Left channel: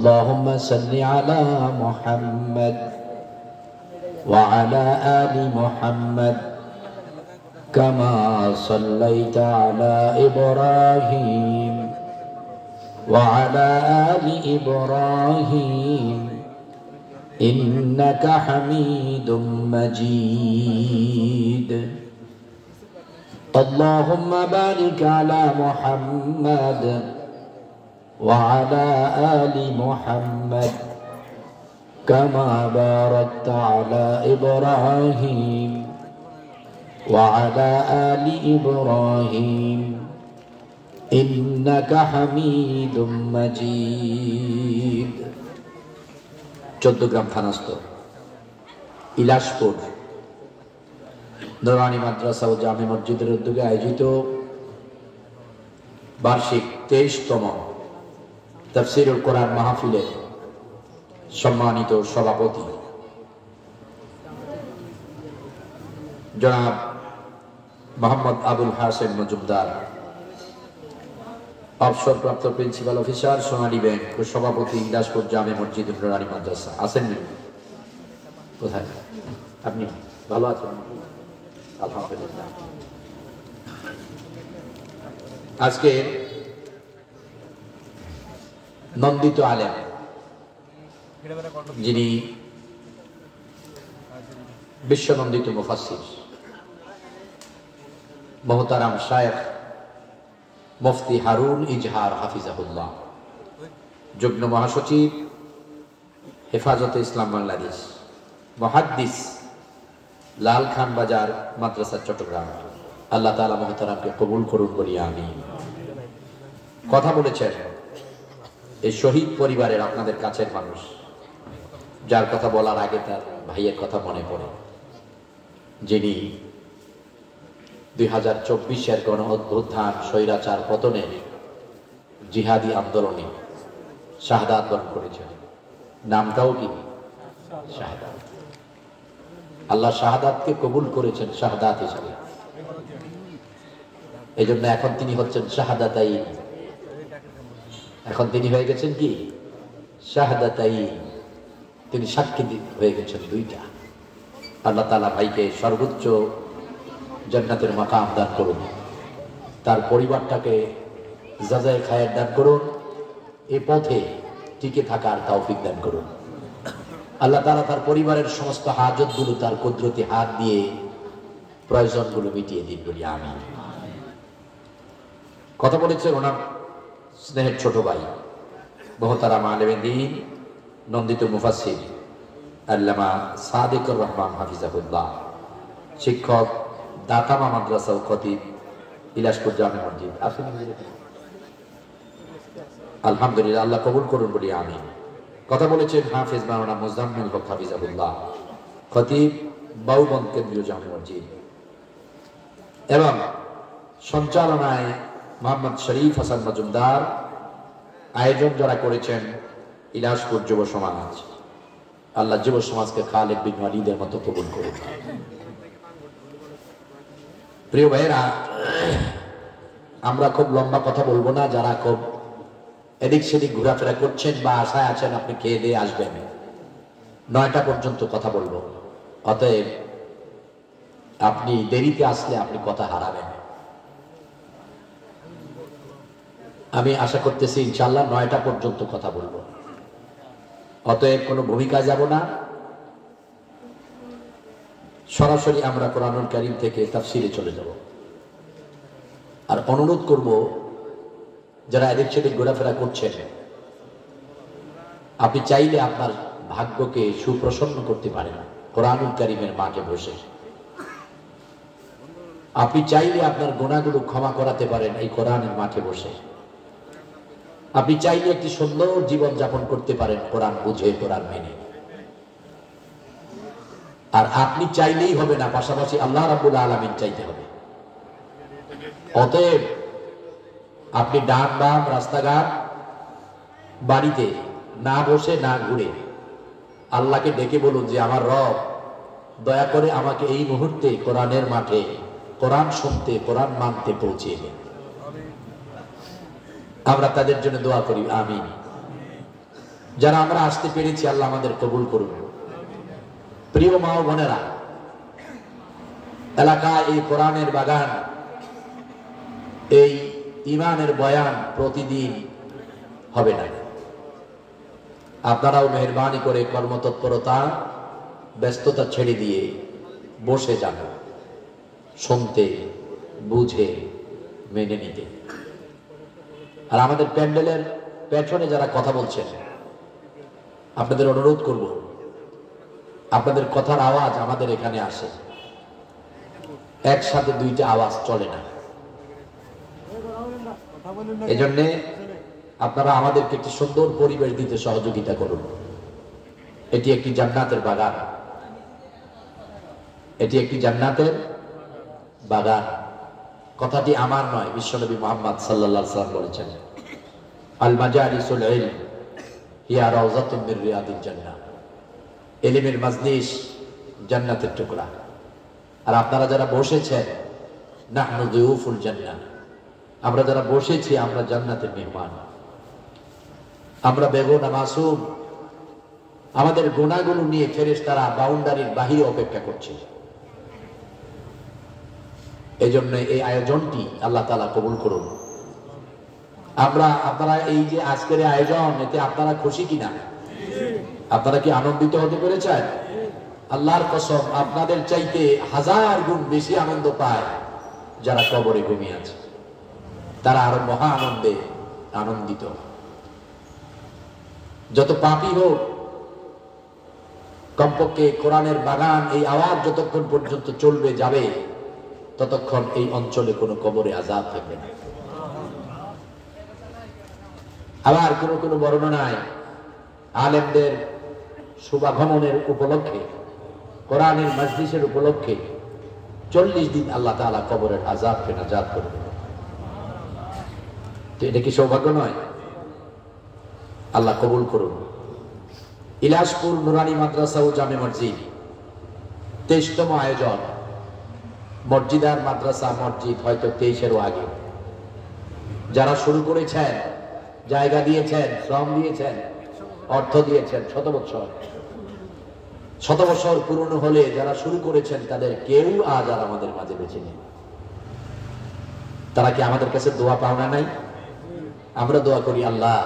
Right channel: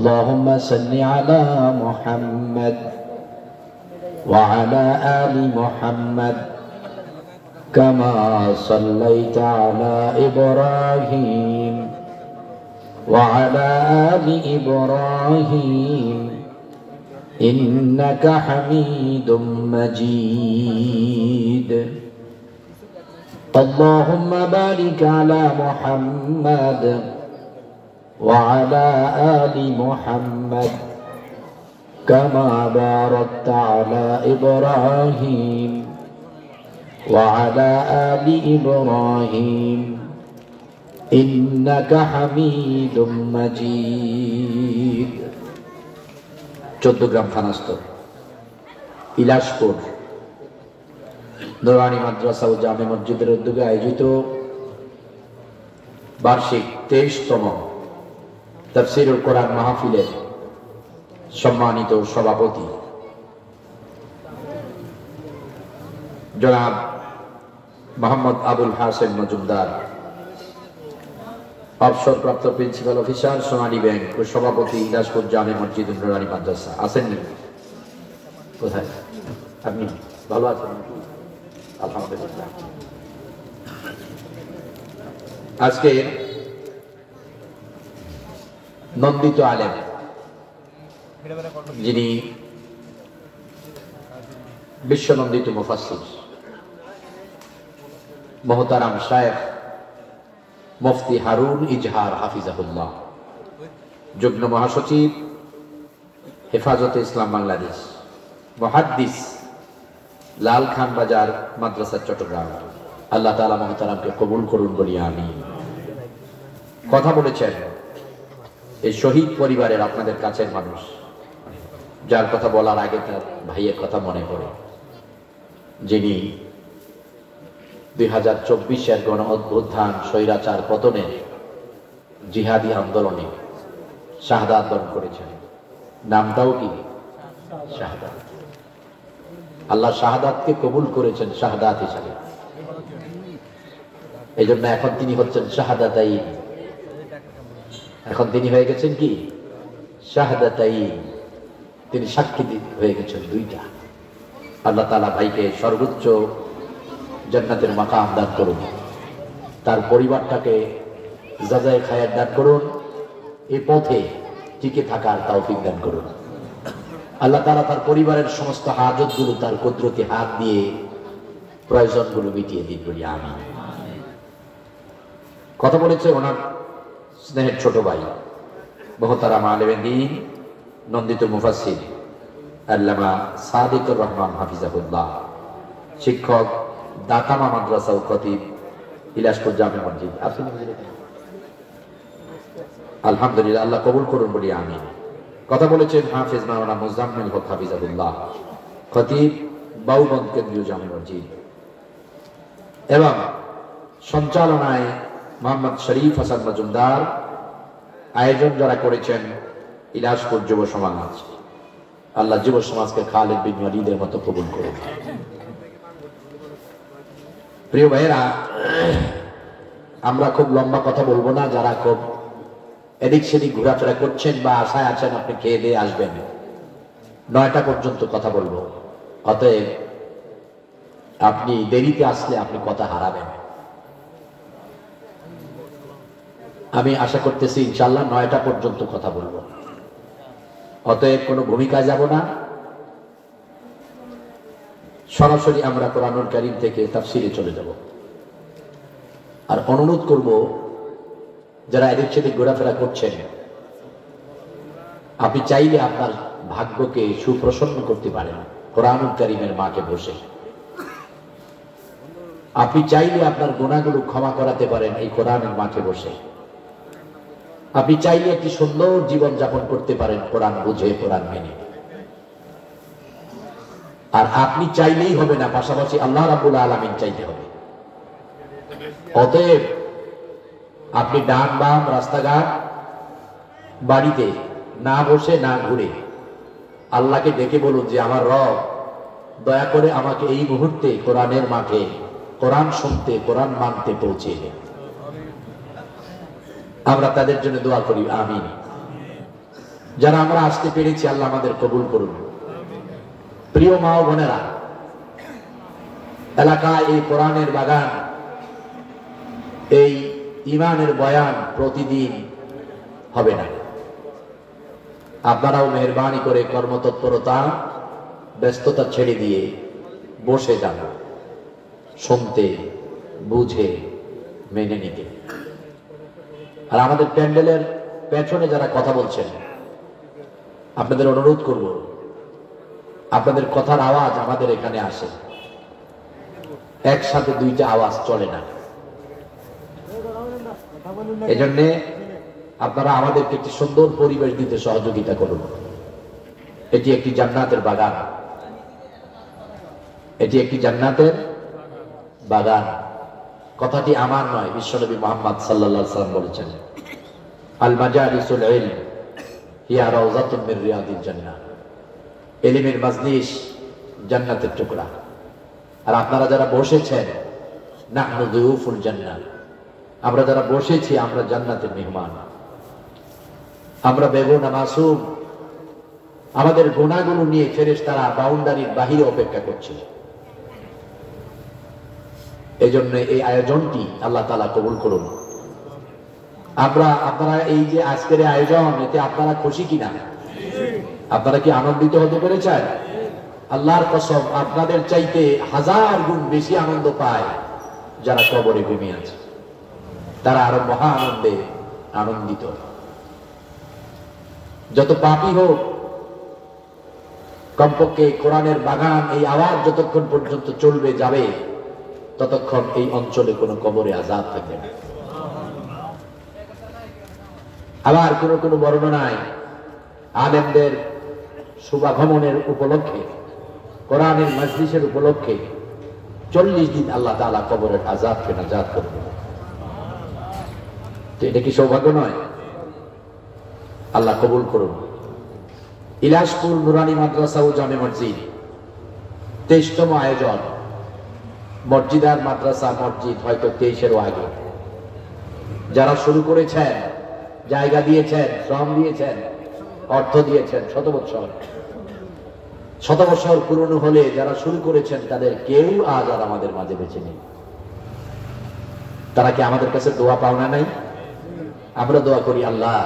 اللهم صل على محمد وعلى آل محمد كما صليت على إبراهيم وعلى آل إبراهيم إنك حميد مجيد اللهم بارك على محمد وعلى آل محمد كما باركت على إبراهيم وعلى آل إبراهيم إنك حميد مجيد 14 গ্রাম খানাস্তর ইলাশপুর নুরানি মাদ্রাসা ও জামে মসজিদের উদ্যোগে আয়োজিত বার্ষিক 23তম তাফসীরুল কোরআন মাহফিলের সম্মানিত সভাপতি জনাব মোহাম্মদ আবুল হাসেম মজুমদার, অবসরপ্রাপ্ত প্রিন্সিপাল অফিসার সোনালী ব্যাংক ও সভাপতি ইলাশপুর জামে মসজিদ নুরানি মাদ্রাসা। আসেননি? কোথায় আপনি? ভালো আছেন? আলহামদুলিল্লাহ। আজকে নন্দিত আলেম, যিনি বিশ্বনন্দিত মুফাসসির মোহতারাম শায়েখ মুফতি হারুন ইজহার হাফিজাহুল্লাহ, যুগ্ম মহাসচিব হেফাজতে ইসলাম বাংলাদেশ, মুহাদ্দিস লাল খান বাজার মাদ্রাসা চট্টগ্রাম, আল্লাহ তাআলা মোহতারামকে কবুল করুন বলি আমিন। কথা বলেছেন এই শহীদ পরিবারের আপনাদের কাছের মানুষ, যার কথা বলার আগে তার ভাইয়ের কথা মনে পড়ে, যিনি 2024-এর গণ অভ্যুত্থান স্বৈরাচার পতনে জিহাদি আন্দোলনে শাহাদাত বরণ করেছেন। নামটাও কি? শাহাদাত। আল্লাহ শাহাদাতকে কবুল করেছেন শাহাদাত হিসাবে। এই জন্য এখন তিনি হচ্ছেন শাহাদাতাইন। এখন তিনি হয়ে গেছেন কি? শাহাদাতাইন। তিনি সাক্ষী হয়ে গেছেন দুইটা। আল্লাহ তাআলা ভাইকে সর্বোচ্চ জান্নাতের মাকাম দান করুন, তার পরিবারটাকে জাযায়ে খায়ের দান করুন, এই পথে টিকে থাকার তৌফিক দান করুন। আল্লাহ তাআলা তার পরিবারের সমস্ত হাজতগুলো তার কুদরতি হাত দিয়ে প্রয়োজনগুলো মিটিয়ে দিন বলি আমিন। কথা বলেছে ওনার স্নেহের ছোট ভাই মোহতারাম আলেমে দ্বীন, নন্দিত মুফাসসির আল্লামা সাদিকুর রহমান হাফিজাহুল্লাহ, শিক্ষক দাকামা মাদ্রাসা ও খতিব ইলাশপুর জামে মসজিদ। আলহামদুলিল্লাহ, আল্লাহ কবুল করুন বলি আমিন। কথা বলেছেন হাফেজ মাওলানা মুজাম্মিল হক হাফিজাহুল্লাহ, খতিব বাউবন্দ কেন্দ্রীয় জামে মসজিদ, এবং সঞ্চালনায় মোহাম্মদ শরীফ হাসান মজুমদার। আয়োজন যারা করেছেন ইলাশপুর যুব সমাজ, আল্লাহ যুব সমাজকে খালেদ বিন ওয়ালিদের মতো কবুল করুন। প্রিয় ভাইয়েরা, আমরা খুব লম্বা কথা বলবো না। যারা খুব এদিক সেদিক ঘোরাফেরা করছেন বা আশায় আছেন আপনি খেয়ে দিয়ে আসবেন, 9টা পর্যন্ত কথা বলবো। অতএব আপনি দেরিতে আসলে আপনি কথা হারাবেন। আমি আশা করতেছি ইনশাআল্লাহ 9টা পর্যন্ত কথা বলবো। অতএব কোনো ভূমিকা যাব না, সরাসরি আমরা কোরআনুল কারীম থেকে তাফসীরে চলে যাব। আর অনুরোধ করব, যারা এদিক সেদিক ঘোরাফেরা করছেন, আপনি চাইলে আপনার ভাগ্যকে সুপ্রসন্ন করতে পারেন কোরআনুল কারীমের মাঠে বসে। আপনি চাইলে আপনার গুনাহগুলো ক্ষমা করাতে পারেন এই কোরআনের মাঠে বসে। আপনি চাইলে একটি সুন্দর জীবন যাপন করতে পারেন কোরআন বুঝে, কোরআন মেনে। আর আপনি চাইলেই হবে না, পাশাপাশি আল্লাহ রাব্বুল আলামিন চাইতে হবে। অতএব আপনি ডান বাম রাস্তাঘাট বাড়িতে না বসে না ঘুরে আল্লাহকে ডেকে বলুন যে আমার রব দয়া করে আমাকে এই মুহূর্তে কোরআনের মাঠে কোরআন শুনতে, কোরআন মানতে পৌঁছে দেন। আমরা তাদের জন্য দোয়া করি, আমিন। যারা আমরা আসতে পেরেছি আল্লাহ আমাদের কবুল করুন। প্রিয় মা ও বোনেরা, এলাকায় এই কোরআনের বাগান, এই ইমানের বয়ান প্রতিদিন হবে না। আপনারাও মেহরবানি করে কর্মতৎপরতা ব্যস্ততা ছেড়ে দিয়ে বসে যান, শুনতে, বুঝে, মেনে নিতে। আর আমাদের প্যান্ডেলের পেছনে যারা কথা বলছেন, আপনাদের অনুরোধ করব, আপনাদের কথার আওয়াজ আমাদের এখানে আসে, একসাথে দুইটা আওয়াজ চলে না। এজন্যে আপনারা আমাদেরকে একটি সুন্দর পরিবেশ দিতে সহযোগিতা করুন। এটি একটি জান্নাতের বাগান, এটি একটি জান্নাতের বাগান। কথাটি আমার নয়, বিশ্বনবী মুহাম্মদ সাল্লাল্লাহু আলাইহি ওয়াসাল্লাম বলেছেন, আল মাজালিসুল ইলম হিয়া রাউযাতুম মির রিয়াদিল জান্নাহ। ইলমের মাজলিস জান্নাতের টুকরা। আর আপনারা যারা বসেছেন, নাহনু যুয়ুফুল জান্নাহ, আমরা যারা বসেছি আমরা জান্নাতের মেহমান। আমরা বেগুনা মাসুম, আমাদের গুনাহগুলো নিয়ে ফেরেশতারা বাউন্ডারির বাহিরে অপেক্ষা করছে। এজন্য এই আয়োজনটি আল্লাহ তাআলা কবুল করুন। আপনারা এই যে আজকের আয়োজন, এতে আপনারা খুশি কিনা? আপনারা কি আনন্দিত হতে পেরেছেন? আল্লাহর কসম, আপনাদের চাইতে 1000 গুণ বেশি আনন্দ পায় যারা কবরে ঘুমিয়ে আছে। তারা আরো মহা আনন্দে আনন্দিত। যত পাপী হোক, কমপক্ষে কোরআনের বাগান এই আওয়াজ যতক্ষণ পর্যন্ত চলবে যাবে, ততক্ষণ এই অঞ্চলে কোনো কবরে আযাব থাকবে না। আবার কোন কোন বর্ণনায় আলেমদের শুভাগমনের উপলক্ষে, কোরআনের মাজলিসের উপলক্ষে 40 দিন আল্লাহ তাআলা কবরের আযাবকে নাজাত করে দেবেন। তো এটা কি সৌভাগ্য নয়? আল্লাহ কবুল করুন। ইলাসপুর নুরানি মাদ্রাসা ও জামে মসজিদ 23তম আয়োজন। মসজিদ আর মাদ্রাসা, মসজিদ হয়তো 23-এরও আগে। যারা শুরু করেছেন, জায়গা দিয়েছেন, শ্রম দিয়েছেন, অর্থ দিয়েছেন, শত বছর পুরনো হলে যারা শুরু করেছেন তাদের কেউ আজ আর আমাদের মাঝে বেঁচে নেই। তারা কি আমাদের কাছে দোয়া পাওনা নাই? আমরা দোয়া করি, আল্লাহ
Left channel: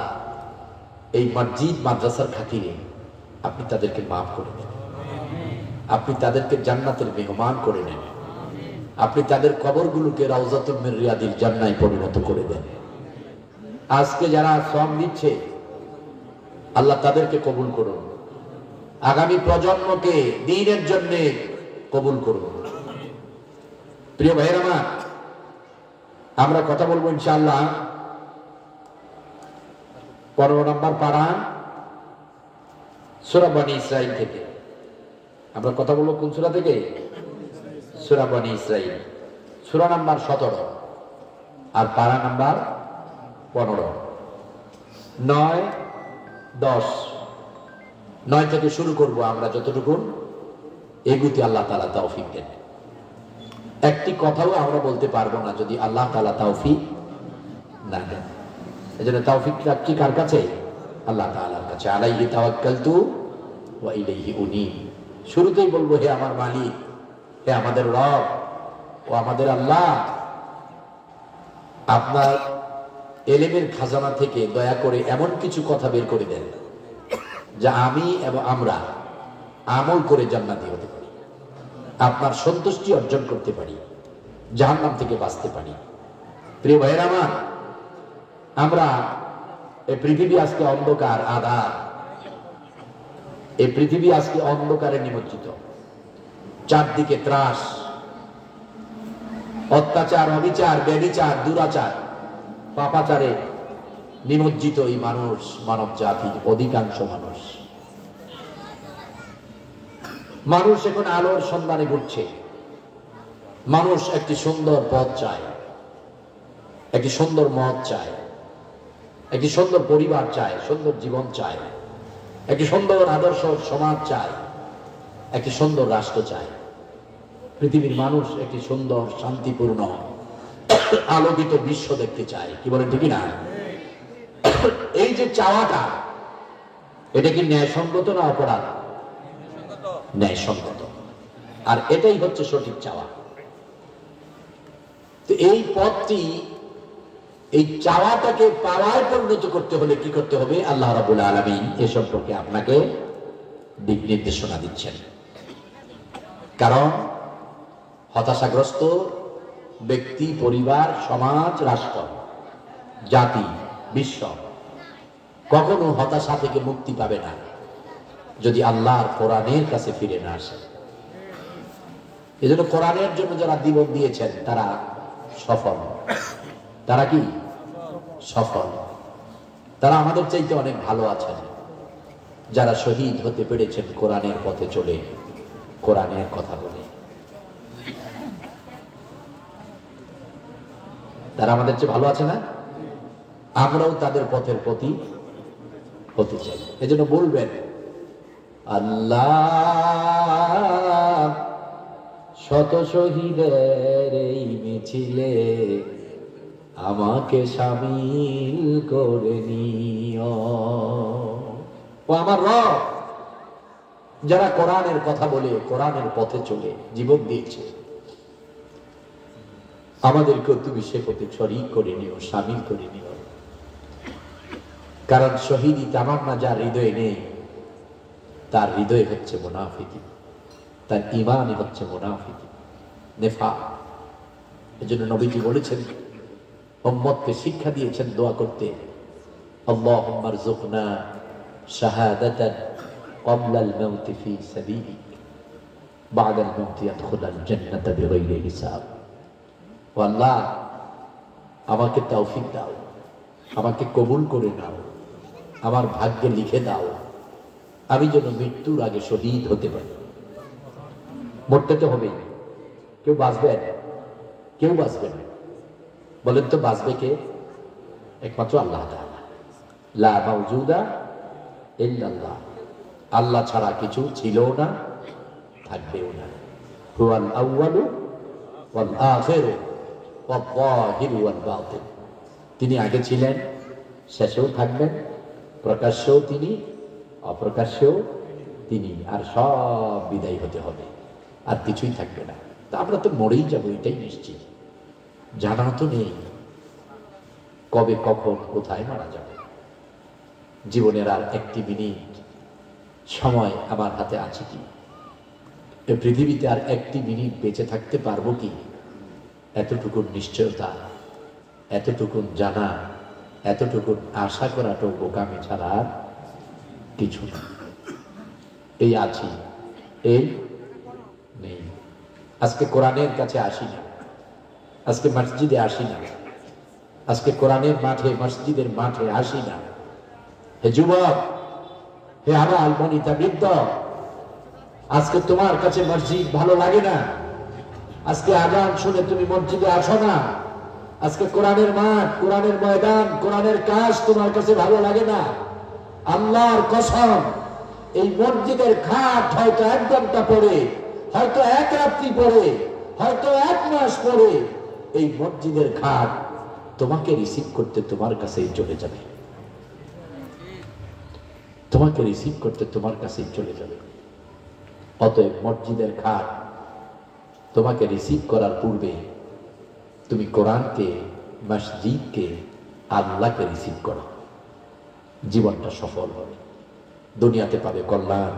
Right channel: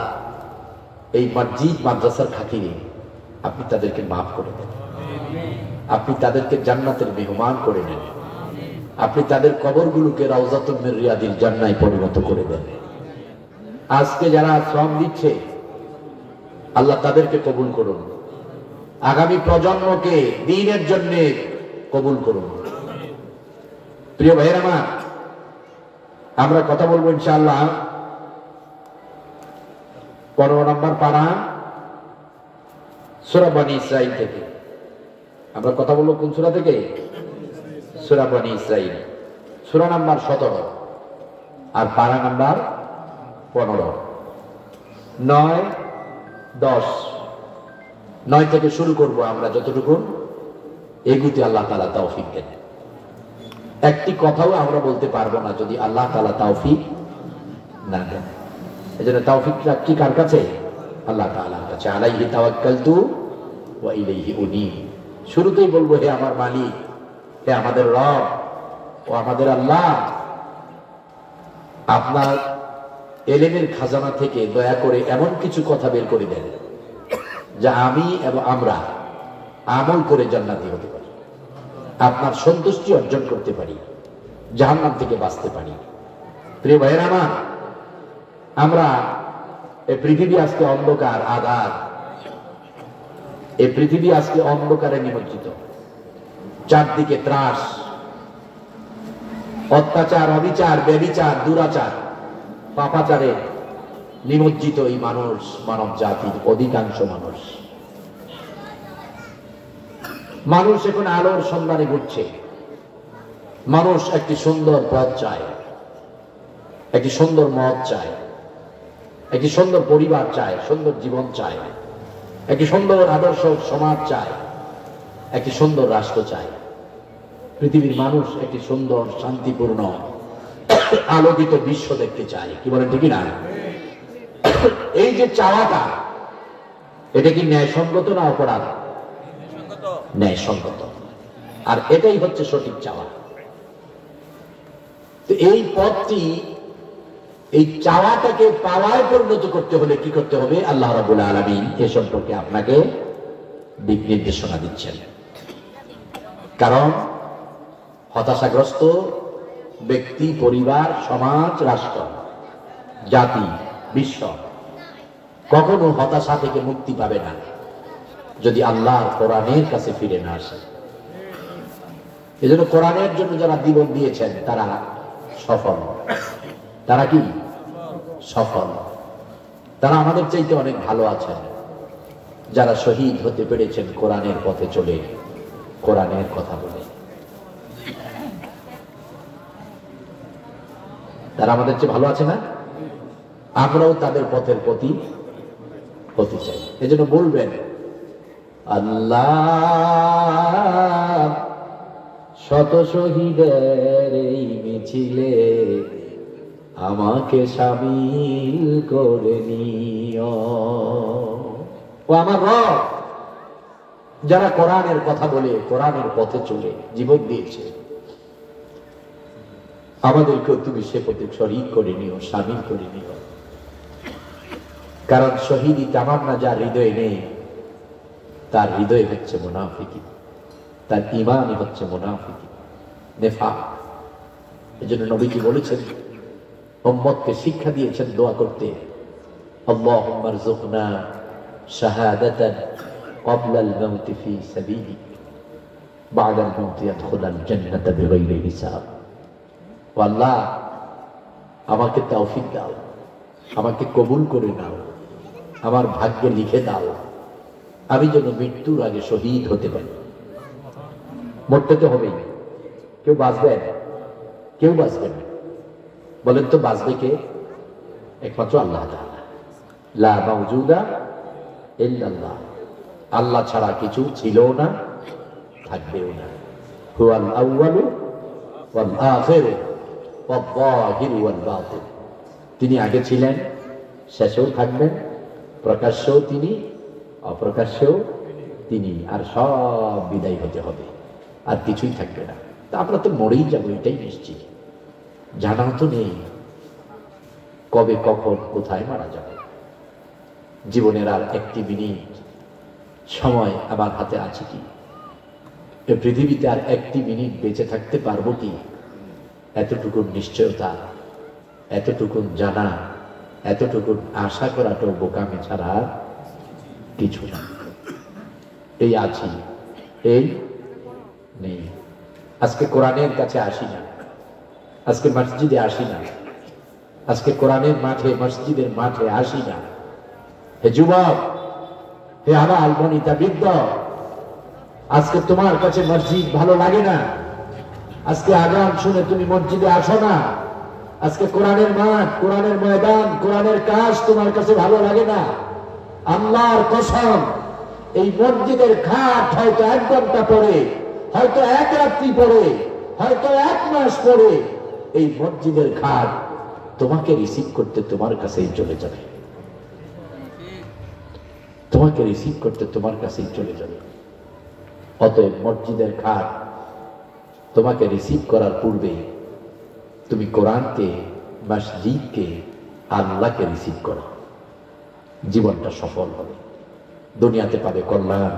এই মসজিদ মাদ্রাসার খাতিরে আপনি তাদেরকে মাফ করে দেন, আপনি তাদেরকে জান্নাতের মেহমান করে নেন, আপনি তাদের কবরগুলোকে রাউযাতুম মির রিয়াদিল জান্নাহে পরিণত করে দেন। আজকে যারা শ্রম দিচ্ছে, আল্লাহ তাদেরকে কবুল করুন। আগামী প্রজন্মকে দ্বীনের জন্য কবুল করুন। প্রিয় ভাইয়েরা আমার, আমরা কথা বলবো ইনশাআল্লাহ 15 নম্বর পারা সূরা বনী ইসরাঈল থেকে। আমরা কথা বলবো কোন সূরা থেকে? সূরা বনী ইসরাঈল, সূরা নাম্বার 17 আর পারা নাম্বার 15, 9, 10, 9 থেকে শুরু করব। আমরা যতটুকু এগুতে আল্লাহ তাআলা তৌফিক দেন। একটি কথাও আমরা বলতে পারবো না যদি আল্লাহ তাআলা তৌফিক না দেন। এজন্য তৌফিকটা কি কার কাছে? আল্লাহ তাআলার কাছে। আলাইহি তাওয়াক্কালতু ওয়া ইলাইহি উনীব। শুরুতেই বলবো, হে আমার মালিক, হে আমাদের রব ও আমাদের আল্লাহ, আপনার ইলমের খাজানা থেকে দয়া করে এমন কিছু কথা বের করে দেন যা আমি এবং আমরা আমল করে জান্নাতি হতে পারি, আপনার সন্তুষ্টি অর্জন করতে পারি, জাহান্নাম থেকে বাঁচতে পারি। প্রিয় ভাইয়েরা আমার, আমরা এই পৃথিবী আজকে অন্ধকার, আধার। এই পৃথিবী আজকে অন্ধকারে নিমজ্জিত। চারদিকে ত্রাস, অত্যাচার, অবিচার, ব্যভিচার, দুরাচার, পাপাচারে নিমজ্জিত এই মানুষ, মানব জাতির অধিকাংশ মানুষ এখন আলোর সন্ধানে ঘুরছে। মানুষ একটি সুন্দর পথ চায়, একটি সুন্দর মত চায়, একটি সুন্দর পরিবার চায়, সুন্দর জীবন চায়, একটি সুন্দর আদর্শ সমাজ চায়, একটি সুন্দর রাষ্ট্র চায়। পৃথিবীর মানুষ একটি সুন্দর, শান্তিপূর্ণ, আলোকিত বিশ্ব দেখতে চায়। কি বলেন, ঠিক না? এই যে চাওয়াটা, এটা কি ন্যায়সঙ্গত না অপরাধ? ন্যায়সঙ্গত। আর এটাই হচ্ছে সঠিক চাওয়া। তো এই পথটি, এই চাওয়াটাকে পাওয়ায় পরিণত করতে হলে কি করতে হবে? আল্লাহ রাব্বুল আলামিন এ সম্পর্কে আপনাকে দিক নির্দেশনা দিচ্ছেন। কারণ হতাশাগ্রস্ত ব্যক্তি, পরিবার, সমাজ, রাষ্ট্র, জাতি, বিশ্ব কখনো হতাশা থেকে মুক্তি পাবে না যদি আল্লাহর কোরআনের কাছে ফিরে না আসে। এজন্য কোরআনের জন্য যারা জীবন দিয়েছেন তারা সফল। তারা কি সফল? তারা আমাদের চাইতে অনেক ভালো আছেন, যারা শহীদ হতে পেরেছেন কোরআনের পথে চলে, কোরআনের কথা বলে। তারা আমাদের চেয়ে ভালো আছে না? আমরাও তাদের পথের প্রতি হতে চাই। এজন্য বলবেন, আল্লাহ শত শহীদের এই মিছিলে আমাকে শামিল করে নিও। ও আমার রব, যারা কোরআনের কথা বলে, কোরআনের পথে চলে জীবন দিয়েছে, আমাদেরকেও তুমি সে পথে শরীক করে নিও, শামিল করে নিও। কারণ শহীদি তামান্না যার হৃদয়ে নেই, তার হৃদয় হচ্ছে মুনাফিকি, তার ঈমানই হচ্ছে মুনাফিকি, নেফাক। এজন্য নবীজি বলেছেন, উম্মতকে শিক্ষা দিয়েছেন দোয়া করতে, আল্লাহুম্মা রযুকনা শাহাদাতান ক্বাবলা আল-মাউত ফি সাবিলিক বা'দা আল-মাউত ইয়াদখুলাল জান্নাতা বিগাইরি হিসাব। ও আল্লাহ, আমাকে তৌফিক দাও, আমাকে কবুল করে নাও, আমার ভাগ্যে লিখে দাও, আমি যেন মৃত্যুর আগে শহীদ হতে পারি। মরতে তো হবেই, কেউ বাঁচবে না, কেউ বাঁচবে না। বলেন তো বাঁচবে কে? একমাত্র আল্লাহ তাআলা। লা মাওজুদা ইল্লাল্লাহ। আল্লাহ ছাড়া কিছু ছিল না, থাকবেও না। হুয়াল আউয়ালু ওয়াল আখিরু ওয়াল যাহিরু ওয়াল বাতিন। তিনি আগে ছিলেন, শেষেও থাকবেন, প্রকাশ্যেও তিনি, অপ্রকাশ্যেও তিনি। আর সব বিদায় হতে হবে, আর কিছুই থাকবে না। তা আমরা তো মরেই যাবো, এটাই নিশ্চিত। জানাও তো নেই কবে, কখন, কোথায় মারা যাবে। জীবনের আর একটি মিনিট সময় আমার হাতে আছে কি? এই পৃথিবীতে আর একটি মিনিট বেঁচে থাকতে পারবো কি? এতটুকু নিশ্চয়তা, এতটুকু জানা, এতটুকু আশা করাটা বোকামি ছাড়া কিছু না। এই আছি, এই নেই। আজকে কোরআনের কাছে আসি না, আজকে মসজিদে আসি না, আজকে কোরআনের মাঠে, মসজিদের মাঠে আসি না। হে যুবক, হে আমার আলমানিতা বৃদ্ধ, আজকে তোমার কাছে মসজিদ ভালো লাগে না, আজকে আযান শুনে তুমি মসজিদে আসো না, আজকে কোরআনের মাঠ, কোরআনের ময়দান, কোরআনের কাজ তোমার কাছে ভালো লাগে না। আল্লাহর কসম, এই মসজিদের ঘাট হয়তো 1 ঘন্টা পরে, হয়তো 1 রাত্রি পরে, হয়তো 1 মাস পরে, এই মসজিদের ঘাট তোমাকে রিসিভ করতে তোমার কাছেই চলে যাবে, তোমাকে রিসিভ করতে তোমার কাছেই চলে যাবে। অতএব মসজিদের ঘাট তোমাকে রিসিভ করার পূর্বে তুমি কোরআনকে, মসজিদকে, আল্লাহকে রিসিভ করো। জীবনটা সফল হবে, দুনিয়াতে পাবে কল্যাণ,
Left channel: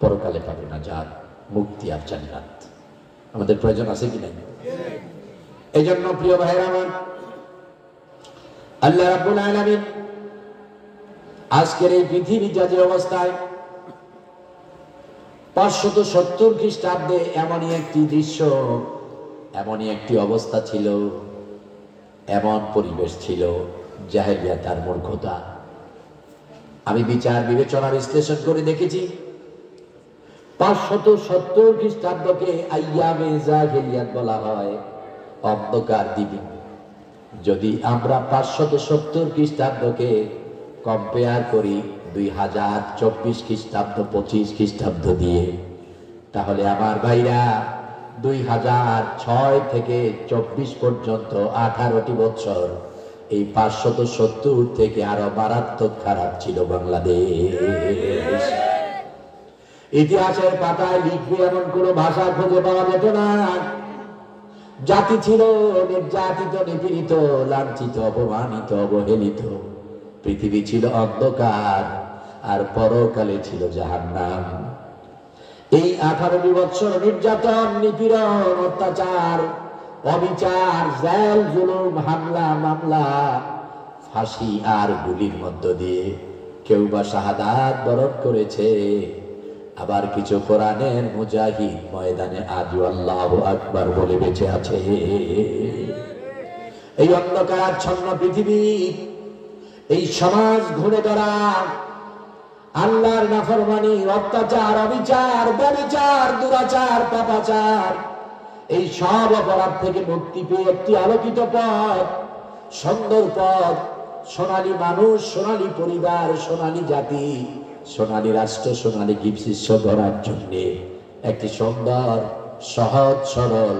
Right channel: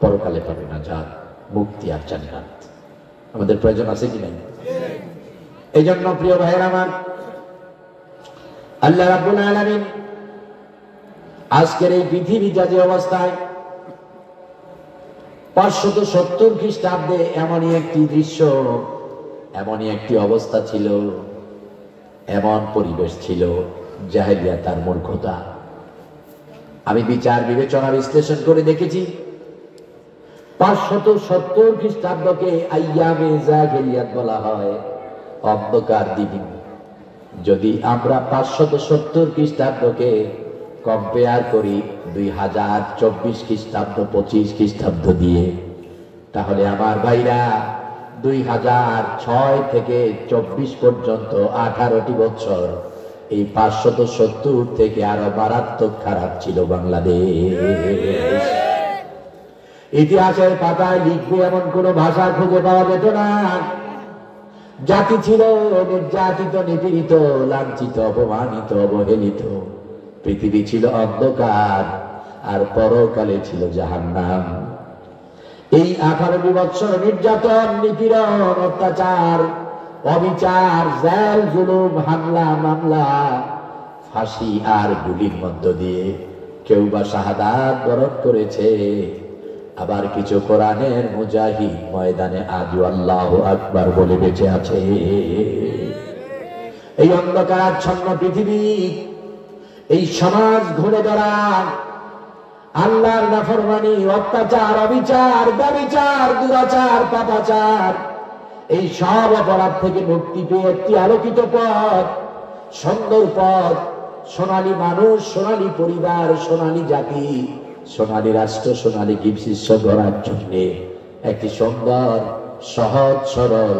পরকালে পাবে নাজাত, মুক্তি আর জান্নাত। আমাদের প্রয়োজন আছে কি নাই? এই জন্য প্রিয় ভাইরা আমার, আল্লাহ রাব্বুল আলামিন আজকের এই পৃথিবী যা যে অবস্থায়, 570 খ্রিস্টাব্দে এমনই একটি দৃশ্য, এমনই একটি অবস্থা ছিল, এমন পরিবেশ ছিল, জাহেলিয়াত আর মূর্খতা। আমি বিচার বিবেচনা বিশ্লেষণ করে দেখেছি, 570 খ্রিস্টাব্দকে আইয়ামে জাহেলিয়াত বলা হয়, অন্ধকার দিন। যদি আমরা 570 খ্রিস্টাব্দকে কম্পেয়ার করি 2024 খ্রিস্টাব্দ, 25 খ্রিস্টাব্দ দিয়ে, তাহলে আমার ভাইরা 2006 থেকে 24 পর্যন্ত 18টি বছর এই 570 থেকে আরো মারাত্মক খারাপ ছিল বাংলাদেশ। ইতিহাসের পাতায় লিখবে এমন কোন ভাষা খুঁজে পাওয়া যেত না। জাতি ছিল নির্যাতিত, নিপীড়িত, লাঞ্ছিত, অপমানিত, অবহেলিত। পৃথিবী ছিল অন্ধকার, আর পরকালে ছিল জাহান্নাম। এই 18 বছর নির্যাতন, নিপীড়ন, অত্যাচার, অবিচার, জেল, জুলুম, হামলা, মামলা, ফাঁসি আর গুলির মধ্য দিয়ে কেউ বা শাহাদাত বরণ করেছে, আবার কিছু কোরআনের মুজাহিদ ময়দানে আজও আল্লাহু আকবার বলে বেঁচে আছে। এই অন্ধকার ছন্ন পৃথিবী, এই সমাজ ঘুরে দাঁড়ায় আল্লাহর নাফরমানি, অত্যাচার, অবিচার, ব্যভিচার, দুরাচার, পাপাচার, এই সব অপরাধ থেকে মুক্তি পেয়ে একটি আলোকিত পথ, সুন্দর পথ, সোনালী মানুষ, সোনালী পরিবার, সোনালী জাতি, সোনালী রাষ্ট্র, সোনালী গিবশিষ্য ধরার জন্য একটি সুন্দর, সহজ, সরল,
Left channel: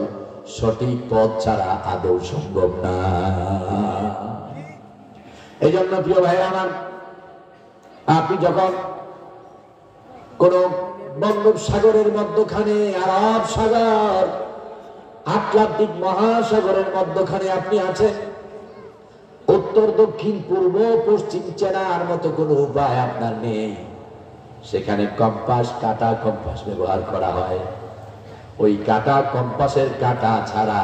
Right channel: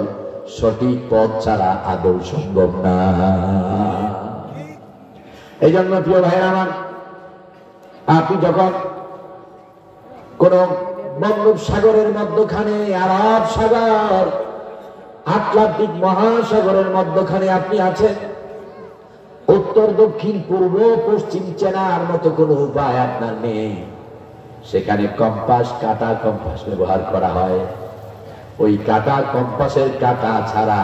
সঠিক পথ ছাড়া আদৌ সম্ভব না। এই জন্য প্রিয় ভাইরা আমার, আপনি যখন কোন বঙ্গোপসাগরের মধ্যখানে, আরব সাগর, আটলান্টিক মহাসাগরের মধ্যখানে আপনি আছেন, উত্তর, দক্ষিণ, পূর্ব, পশ্চিম চেনার মতো কোনো উপায় আপনার নেই। সেখানে কম্পাস, কাঁটা কম্পাস ব্যবহার করা হয়। ওই কাঁটা কম্পাসের কাঁটা ছাড়া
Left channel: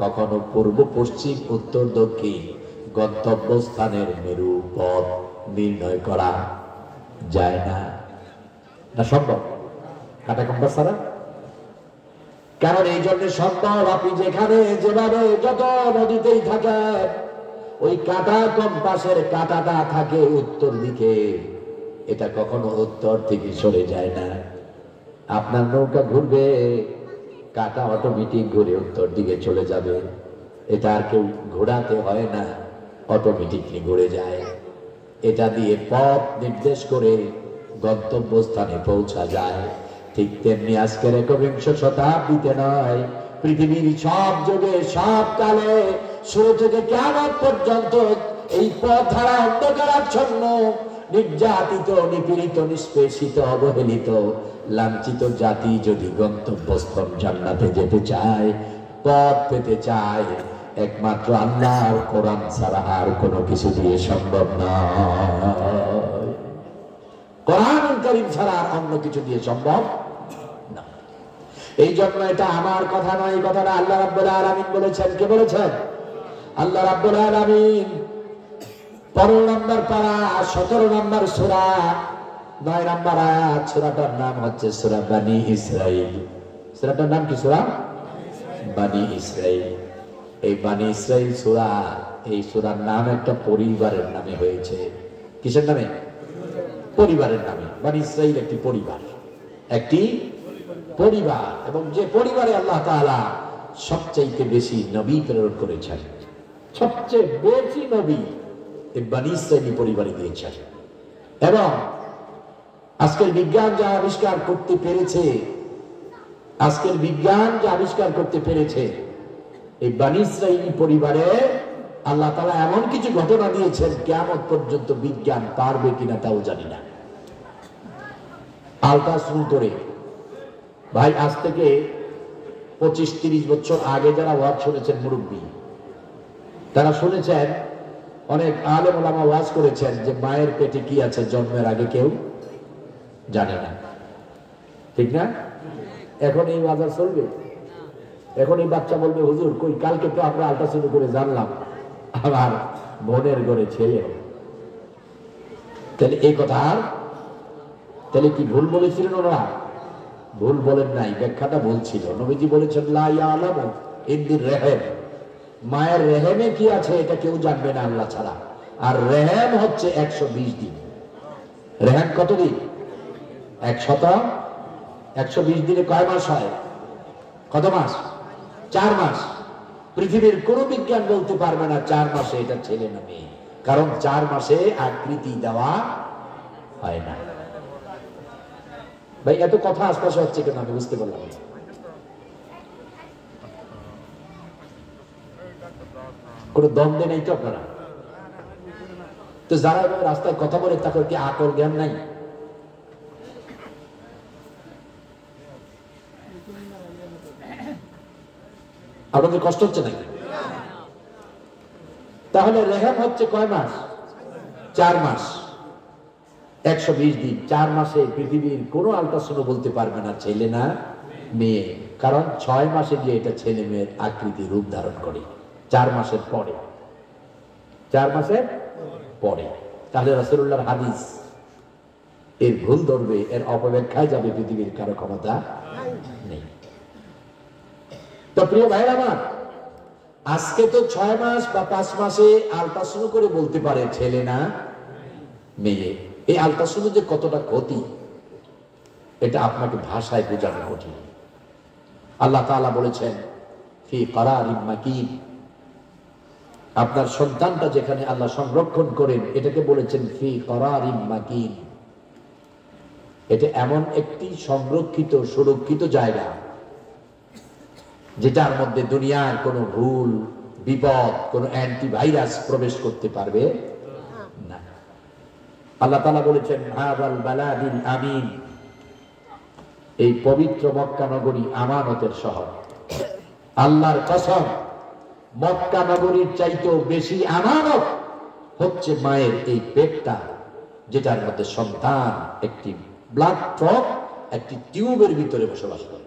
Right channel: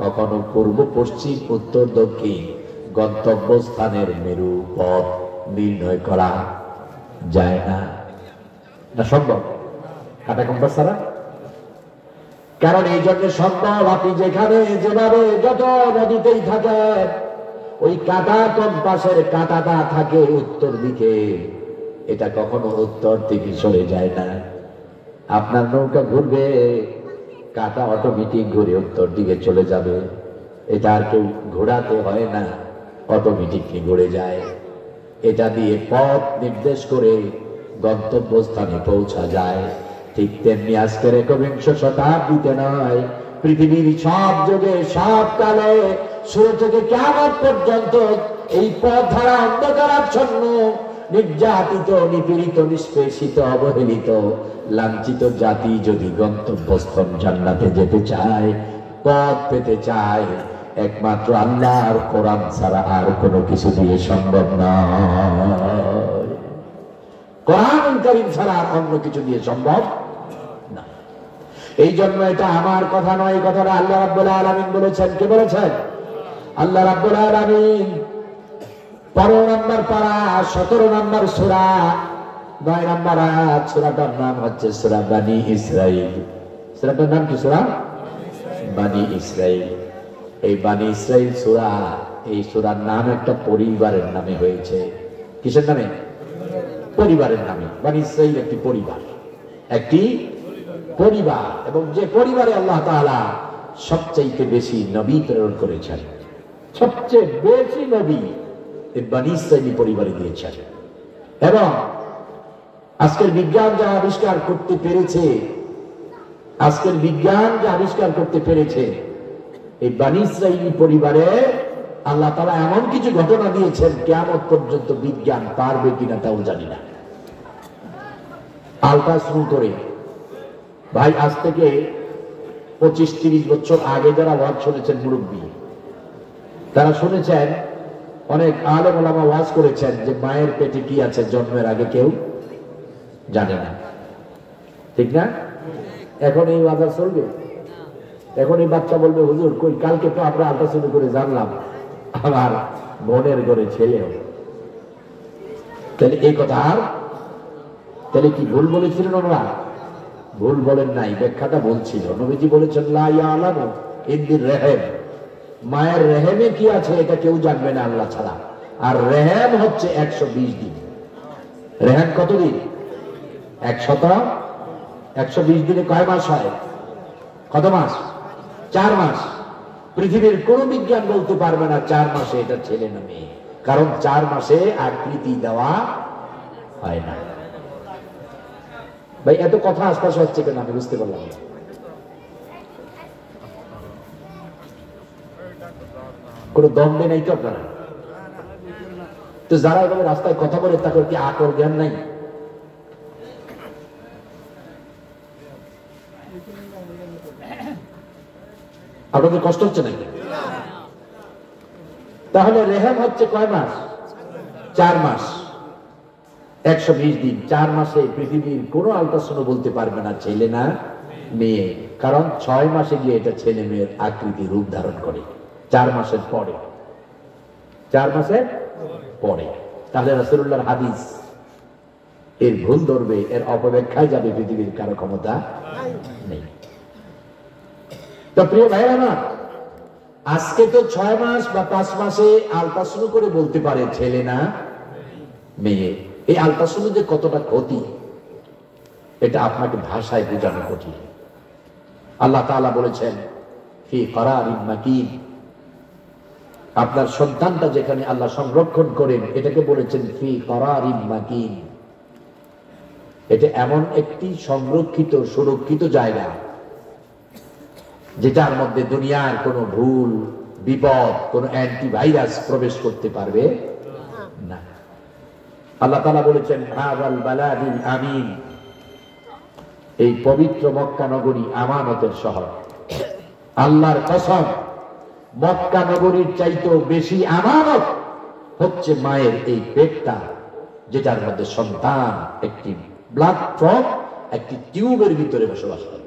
কখনো পূর্ব, পশ্চিম, উত্তর, দক্ষিণ গন্তব্যস্থানের মেরু পথ নির্ণয় করা যায় না। না সম্ভব কাঁটা কম্পাস ছাড়া? কারণ এই জন্য সম্ভব, আপনি যেখানে যেভাবে যত নদীতেই থাকেন, ওই কাঁটা কম্পাসের কাঁটাটা থাকে উত্তর দিকে, এটা কখনো উত্তর দিকে চলে যায় না। আপনার নৌকা ঘুরবে, কাঁটা অটোমেটিক ঘুরে উত্তর দিকে চলে যাবে। এটা আর কেউ ঘোরাতে হয় না, অটোমেটিকলি ঘুরে যায়। এটা দিয়ে পথ নির্দেশ করে গন্তব্যস্থানে পৌঁছা যায়। ঠিক তেমনি আজকের 21 শতাব্দীতে নয়, পৃথিবীর সব যুগে, সব কালে, শুরু থেকে কিয়ামত পর্যন্ত এই পথ ধারা অন্ধকারাচ্ছন্ন, নির্যাতিত, নিপীড়িত, নিষ্পেষিত, অবহেলিত, লাঞ্ছিত জাতি যদি গন্তব্যস্থল জান্নাতে যেতে চায়, পথ পেতে চায়, একমাত্র আল্লাহর কোরআন ছাড়া আর কোনো কিছু দিয়ে সম্ভব নয়। কোরআন কারীম ছাড়া অন্য কিছু দিয়ে সম্ভব না। এই জন্য এটা আমার কথা নয়, এই কথাটা আল্লাহ রাব্বুল আলামিন বলেছেন। কে বলেছেন? আল্লাহ রাব্বুল আলামিন। 15 নম্বর পারা, 17 নম্বর সূরা, 9 নম্বর আয়াত। সূরাটার নাম হচ্ছে সূরা বনী ইসরাঈল। সূরাটার নাম কি? সূরা বনী ইসরাঈল। এই বনী ইসরাঈল সূরা, এই সূরার নাম একটা পরিবারের নামে হয়েছে। কিসের নামে? পরিবারের নামে। বনী ইসরাঈল একটি পরিবার, একটি পরিবার, এবং যে পরিবারে আল্লাহ তাআলা সবচেয়ে বেশি নবী প্রেরণ করেছেন, সবচেয়ে বেশি নবী এই বনী ইসরাঈল পরিবারে দিয়েছেন। এবং আজকের বিজ্ঞান যা আবিষ্কার করতে পেরেছে, আজকের বিজ্ঞান যা আবিষ্কার করতে পেরেছে, এই বনী ইসরাঈল পরিবারে আল্লাহ তাআলা এমন কিছু ঘটনা দিয়েছেন, কিয়ামত পর্যন্ত বিজ্ঞান পারবে কিনা তাও জানি না। আল্ট্রাসাউন্ড করে, ভাই আজ থেকে 25-30 বছর আগে যারা ওয়াজ শুনেছেন, মুরব্বী, তারা শুনেছেন, অনেক আলেম ওলামা ওয়াজ করেছেন যে মায়ের পেটে কি আছে জন্মের আগে কেউ জানে না। ঠিক না? এখন এই ওয়াজ চলবে? এখন এই বাচ্চা বলবে, হুজুর কই, কালকে তো আমরা আল্ট্রাসাউন্ড করে জানলাম আমার বোনের ঘরে ছেলে হবে। তাহলে এই কথা, তাহলে কি ভুল বলেছিলেন ওরা? ভুল বলেন নাই, ব্যাখ্যাটা বলছিল। নবীজি বলেছেন লা ইয়ালামু ইনদির রহিম, মায়ের রেহেমে কি আছে এটা কেউ জানবে না আল্লাহ ছাড়া। আর রেহেম হচ্ছে 120 দিন। রেহেম কত দিন? 120 দিনে কয় মাস হয়? কত মাস? 4 মাস। পৃথিবীর কোন বিজ্ঞান বলতে পারবে না 4 মাসে এটা ছেলে না মেয়ে, কারণ 4 মাসে আকৃতি দেওয়া হয় না। ভাই এত কথা আশপাশে হচ্ছে কেন আমি বুঝতে পারলাম না। কোনো দ্বন্দ্ব নেই তো আপনারা? তো যারা এভাবে রাস্তায় কথা বলে তাদের কি আকল জ্ঞান নাই? আপনাদের কষ্ট হচ্ছে নাকি? তাহলে রেহাম হচ্ছে কয় মাস? 4 মাস, 120 দিন। 4 মাসে পৃথিবীর কোনো আল্ট্রাসাউন্ড বলতে পারবে না ছেলে না মেয়ে, কারণ 6 মাসে গিয়ে এটা ছেলে মেয়ের আকৃতি রূপ ধারণ করে। 4 মাসের পরে, 4 মাসের পরে। তাহলে রাসূলুল্লাহর হাদিস এর ভুল ধরবে, এর অপব্যাখ্যায় যাবে, পৃথিবীর কারো ক্ষমতা নেই। তো প্রিয় ভাইরা আমার, আজকে তো 6 মাস বা 5 মাসে আল্ট্রাসাউন্ড করে বলতে পারে ছেলে না মেয়ে। এই আল্ট্রাসাউন্ড যে কতটা ক্ষতি, এটা আপনাকে ভাষায় বোঝানো কঠিন। আল্লাহ তাআলা বলেছেন ফি করারিন মাকিন, আপনার সন্তানটা যেখানে আল্লাহ সংরক্ষণ করেন এটাকে বলেছেন ফি করারিন মাকিন। এটা এমন একটি সংরক্ষিত সুরক্ষিত জায়গা যেটার মধ্যে দুনিয়ার কোনো ভুল বিপদ, কোনো অ্যান্টিভাইরাস প্রবেশ করতে পারবে না। আল্লাহ তাআলা বলেছেন হাযাল বালাদিল আমিন, এই পবিত্র মক্কা নগরী আমানতের শহর। আল্লাহর কসম, মক্কা নগরীর চাইতেও বেশি আমানত হচ্ছে মায়ের এই পেটটা, যেটার মধ্যে সন্তান একটি ব্লাড ড্রপ, একটি টিউবের ভিতরে বসবাস করে।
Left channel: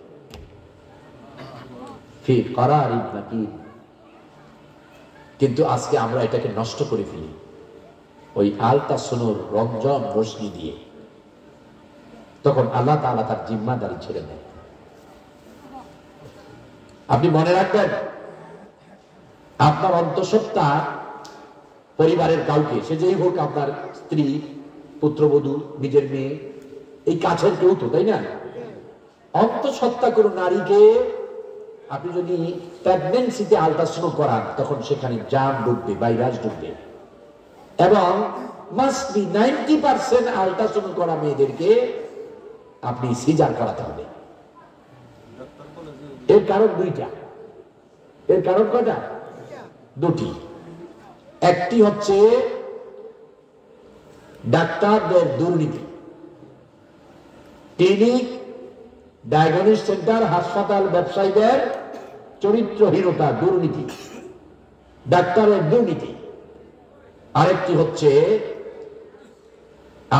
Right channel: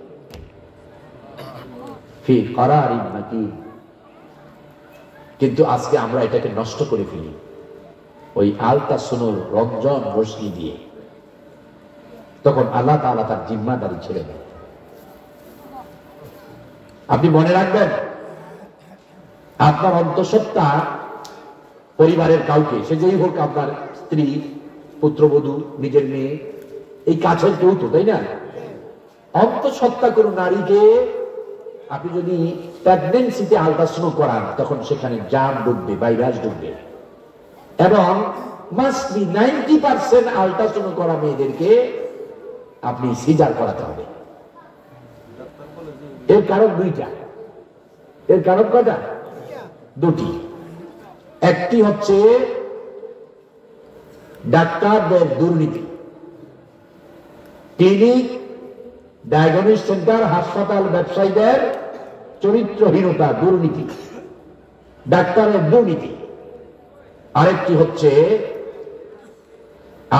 ফি করারিন মাকিন। কিন্তু আজকে আমরা এটাকে নষ্ট করে ফেলি ওই আলট্রাসাউন্ড রঞ্জন রশ্মি দিয়ে। তখন আল্লাহ তাআলা তার জিম্মাদারি ছেড়ে দেয়। আপনি মনে রাখবেন, আপনার অন্তঃসত্ত্বা পরিবারের কাউকে, সে যেই হোক, আপনার স্ত্রী, পুত্রবধূ, নিজের মেয়ে, এই কাছের কেউ তো, তাই না? অন্তঃসত্ত্বা কোনো নারীকে আপনি যদি প্রেগন্যান্সিতে আল্ট্রাসাউন্ড করান, তখন সেখানে জার্ম ঢুকবে, ভাইরাস ঢুকবে। এবং মাস্ট বি 90% আল্ট্রাসাউন্ড করা মেয়েদেরকে আপনি সিজার করাতে হবে। এর কারণ দুইটা। এর কারণ কয়টা? দুটি। একটি হচ্ছে ডাক্তারদের দুর্নীতি, ক্লিনিক, ডায়াগনস্টিক সেন্টার, হাসপাতাল ব্যবসায়ীদের চরিত্রহীনতা, দুর্নীতি, ডাক্তারের দুর্নীতি। আরেকটি হচ্ছে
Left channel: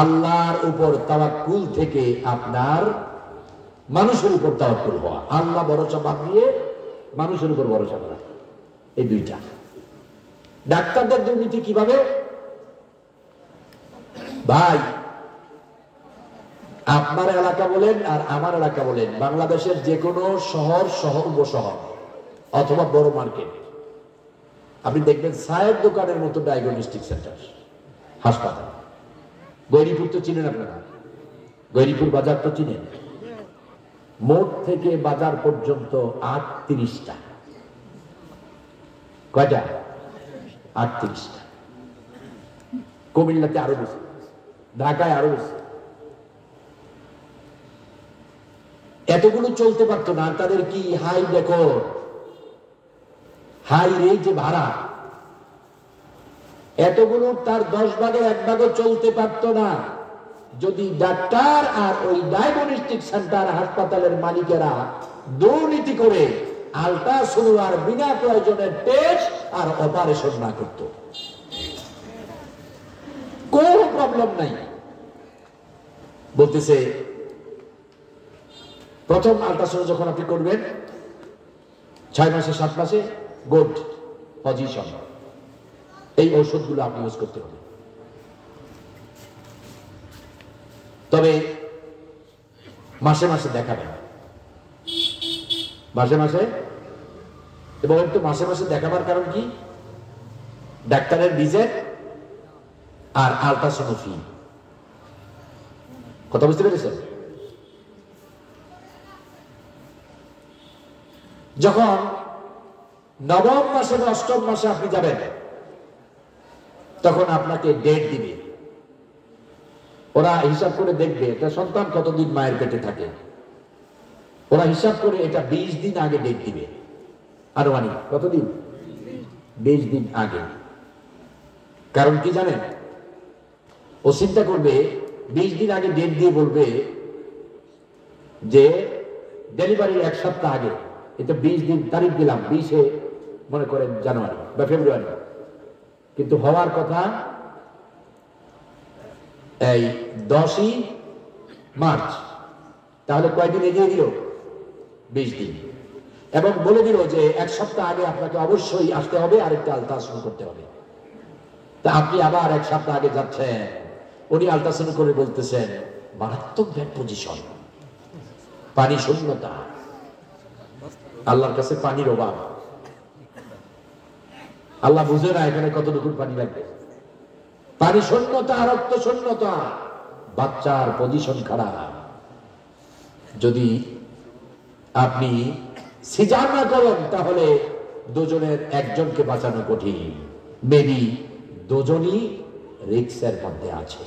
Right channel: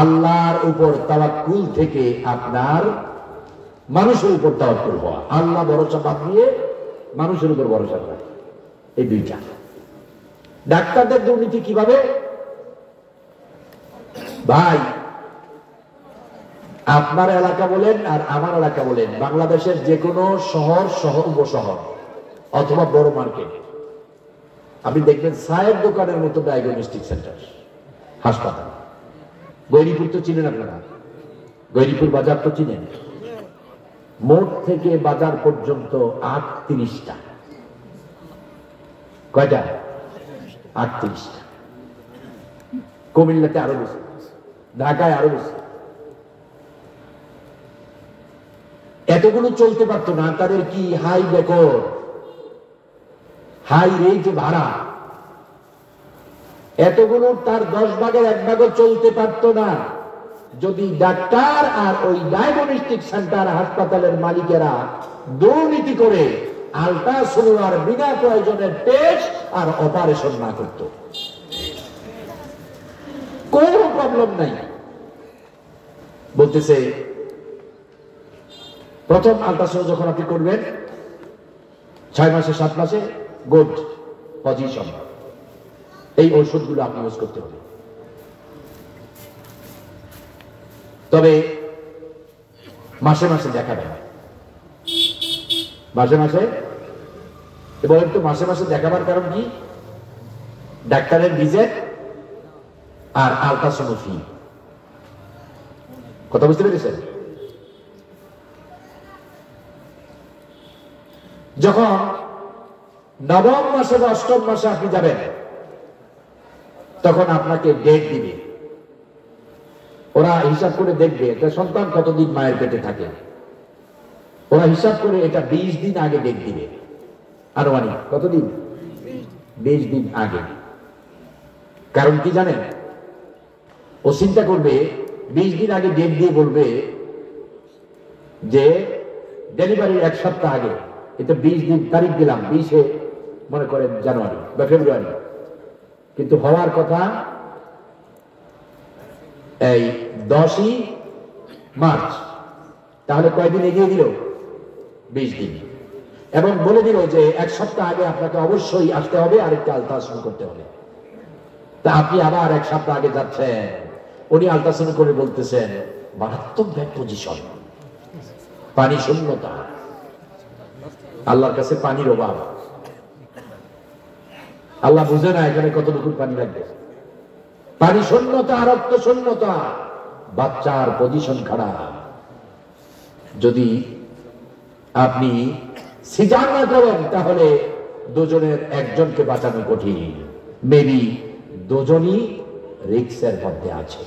আল্লাহর উপর তাওয়াক্কুল থেকে আপনার মানুষের উপর তাওয়াক্কুল হওয়া, আল্লাহ ভরসা বাদ দিয়ে মানুষের উপর ভরসা করা। এই দুইটা। ডাক্তারদের দুর্নীতি কিভাবে? ভাই, আপনার এলাকা বলেন আর আমার এলাকা বলেন, বাংলাদেশের যে কোনো শহর, উপশহর অথবা বড় মার্কেট, আপনি দেখবেন চায়ের দোকানের মতো ডায়াগনস্টিক সেন্টার, হাসপাতাল। গৈরীপুর তো চিনেন আপনারা, গৈরীপুর বাজার তো চিনেন। মোড় থেকে বাজার পর্যন্ত 38টা। কয়টা? 38টা। কুমিল্লাতে আরো বেশি, ঢাকায় আরো বেশি। এতগুলো চলতে পারতো না। তাদের কি হাই দেখো, হাই রেটে ভাড়া, এতগুলো তার 10 ভাগের 1 ভাগও চলতে পারতো না যদি ডাক্তার আর ওই ডায়াগনস্টিক সেন্টার হাসপাতালের মালিকেরা দুর্নীতি করে আল্ট্রাসাউন্ড আর বিনা প্রয়োজনে টেস্ট আর অপারেশন না করত। কোন প্রবলেম নাই। বলতেছে প্রথম আল্ট্রাসাউন্ড যখন আপনি করবেন 6 মাসে 7 মাসে গুড পজিশন, এই ওষুধগুলো আপনি ইউজ করতে হবে। তবে মাসে মাসে দেখাবেন, মাসে মাসে। এবং একটু মাসে মাসে দেখাবার কারণ কি? ডাক্তারের ভিজিট আর আল্ট্রাসাউন্ড ফি। কথা বুঝতে পেরেছেন? যখন 9ম মাসে বা 8ম মাসে আপনি যাবেন, তখন আপনাকে ডেট দিবে। ওরা হিসাব করে দেখবে এটা সন্তান কতদিন মায়ের পেটে থাকে। ওরা হিসাব করে এটা 20 দিন আগে ডেট দিবে। আনুমানিক কতদিন? 20 দিন আগে। কারণ কি জানেন? ও চিন্তা করবে 20 দিন আগে ডেট দিয়ে বলবে যে ডেলিভারির 1 সপ্তাহ আগে এটা 20 দিন তারিখ দিলাম, 20 মনে করেন জানুয়ারি বা ফেব্রুয়ারি, কিন্তু হওয়ার কথা এই 10ই মার্চ। তাহলে কয়দিন এগিয়ে দিল? 20 দিন। এবং বলে দিল যে 1 সপ্তাহ আগে আপনাকে অবশ্যই আসতে হবে, আরেকটা আলট্রাসাউন্ড করতে হবে। তা আপনি আবার 1 সপ্তাহ আগে যাচ্ছেন, উনি আলট্রাসাউন্ড করে বলতেছেন মারাত্মক ব্যাড পজিশন, পানি শূন্যতা, আল্লাহর কাছে পানির অভাব। আল্লাহ বুঝে না এখানে কতটুকু পানি লাগবে। পানি শূন্যতা, রক্ত শূন্যতা, বাচ্চার পজিশন খারাপ। যদি আপনি সিজার না করেন তাহলে দুজনের একজনকে বাঁচানো কঠিন, মেবি দুজনই রিক্সের মধ্যে আছে।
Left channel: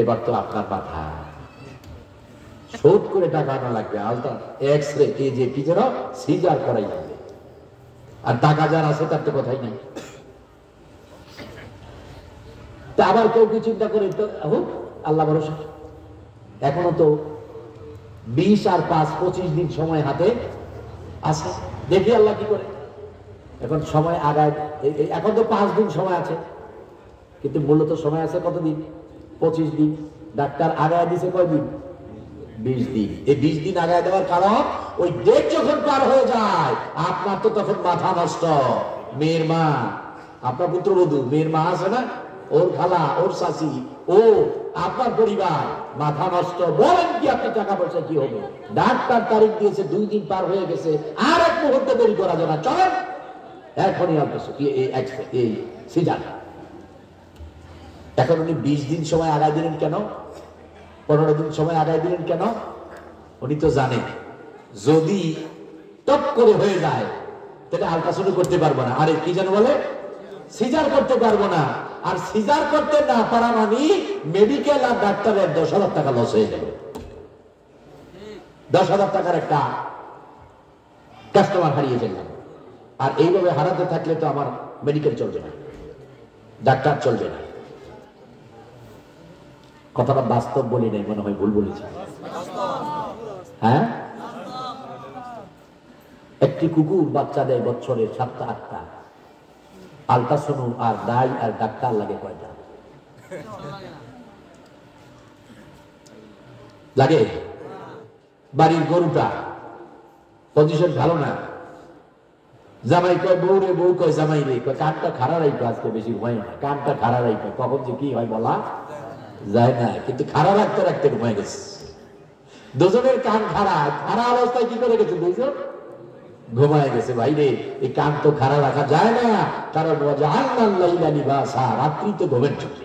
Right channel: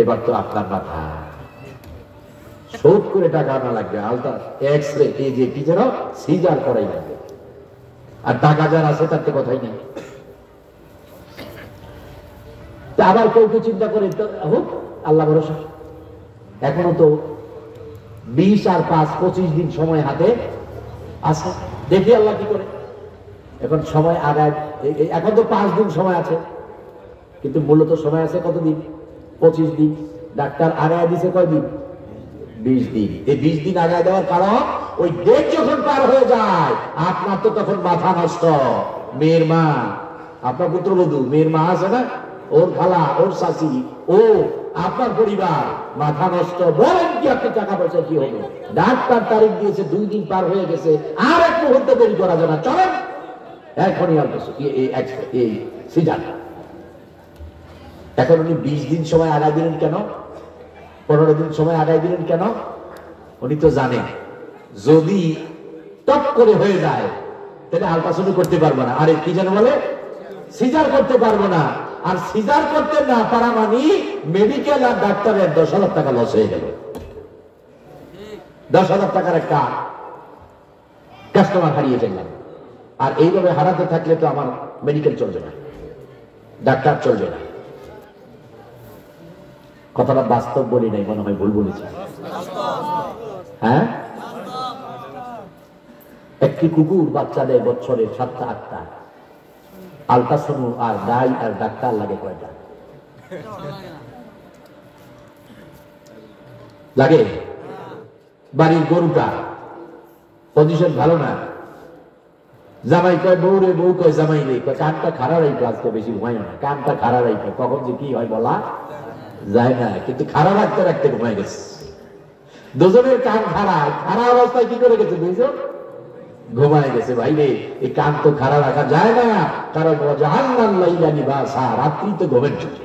এবার তো আপনার মাথা শোধ করে টাকা আনা লাগবে, আলট্রা এক্স-রে কি যেন সিজার করাই লাগবে, আর টাকা যার আছে তার তো কথাই নেই। তা আবার কেউ চিন্তা করে হোক, আল্লাহ ভরসা। এখনো তো 20 আর 5 25 দিন সময় হাতে আছে, দেখি আল্লাহ কি করে। এখন সময় আগায়, এখন তো 5 দিন সময় আছে, কিন্তু মূলত সময় আছে কতদিন? 25 দিন। ডাক্তার আগায় দিছে কয়দিন? 20 দিন। এই 20 দিন আগায় দেওয়ার কারণ ওই ডেট যখন পার হয়ে যায় আপনার তো তখন মাথা নষ্ট। মেয়ের মা, আপনার পুত্রবধূ, মেয়ের মা আছে না, ওর খালা, ওর শাশি, ও আপনার পরিবার, মাথা নষ্ট। বলেন কি আপনি টাকা পয়সা কি হবে? ডাক্তার তারিখ দিয়েছে, 2 দিন পার হয়ে গেছে, আর এক মুহূর্তে দেরি করা যাবে না, চলেন এখনই এই সিজার। এখন উনি 20 দিন সময় আগায় দিলেন কেন? 15 দিন সময় আগায় দিলেন কেন? উনি তো জানেন যদি টপ করে হয়ে যায় তাহলে আলট্রাসাউন্ড করতে পারবো না, আরে কি যেন বলে, সিজার করতে পারবো না। আর সিজার করতে না পারা মানে মেডিকেল আর ডাক্তারের 10,000 টাকা লস হয়ে যাবে। 10,000 টাকার একটা কাস্টমার হারিয়ে ফেললাম। আর এইভাবে হারাতে থাকলে তো আমার মেডিকেল চলবে না, ডাক্তার চলবে না। কথাটা বাস্তব বলি নাই, মনে হয় ভুল বলেছি। হ্যাঁ, একটি কুকুর বাচ্চা দেয় বছরে 7টা 8টা, আলট্রাসাউন্ড আর দাই আর ডাক্তার লাগে কয়টা? লাগে। বাড়ির গরুটা পজিশন ভালো না, জামাই কয় বউ রে, বউ কয় জামাই রে, কানটা খারাপ রাখবে, আজকে বেশি ঘুমাই না, কানটা খারাপ রাখবে, কখন যে কি হয় বলা যায় না, কিন্তু খারাপ রাখতে রাখতে ঘুমাই গেছে। দুজনের কান খারাপ, খারাপ অবস্থায় কি করে গেছে? দুইজন ঘুমায় গেছে। ভাই রে, এই কান তো খারাপ রাখা যায় না, কারণ রাত্রি তো ঘুমের চুকে।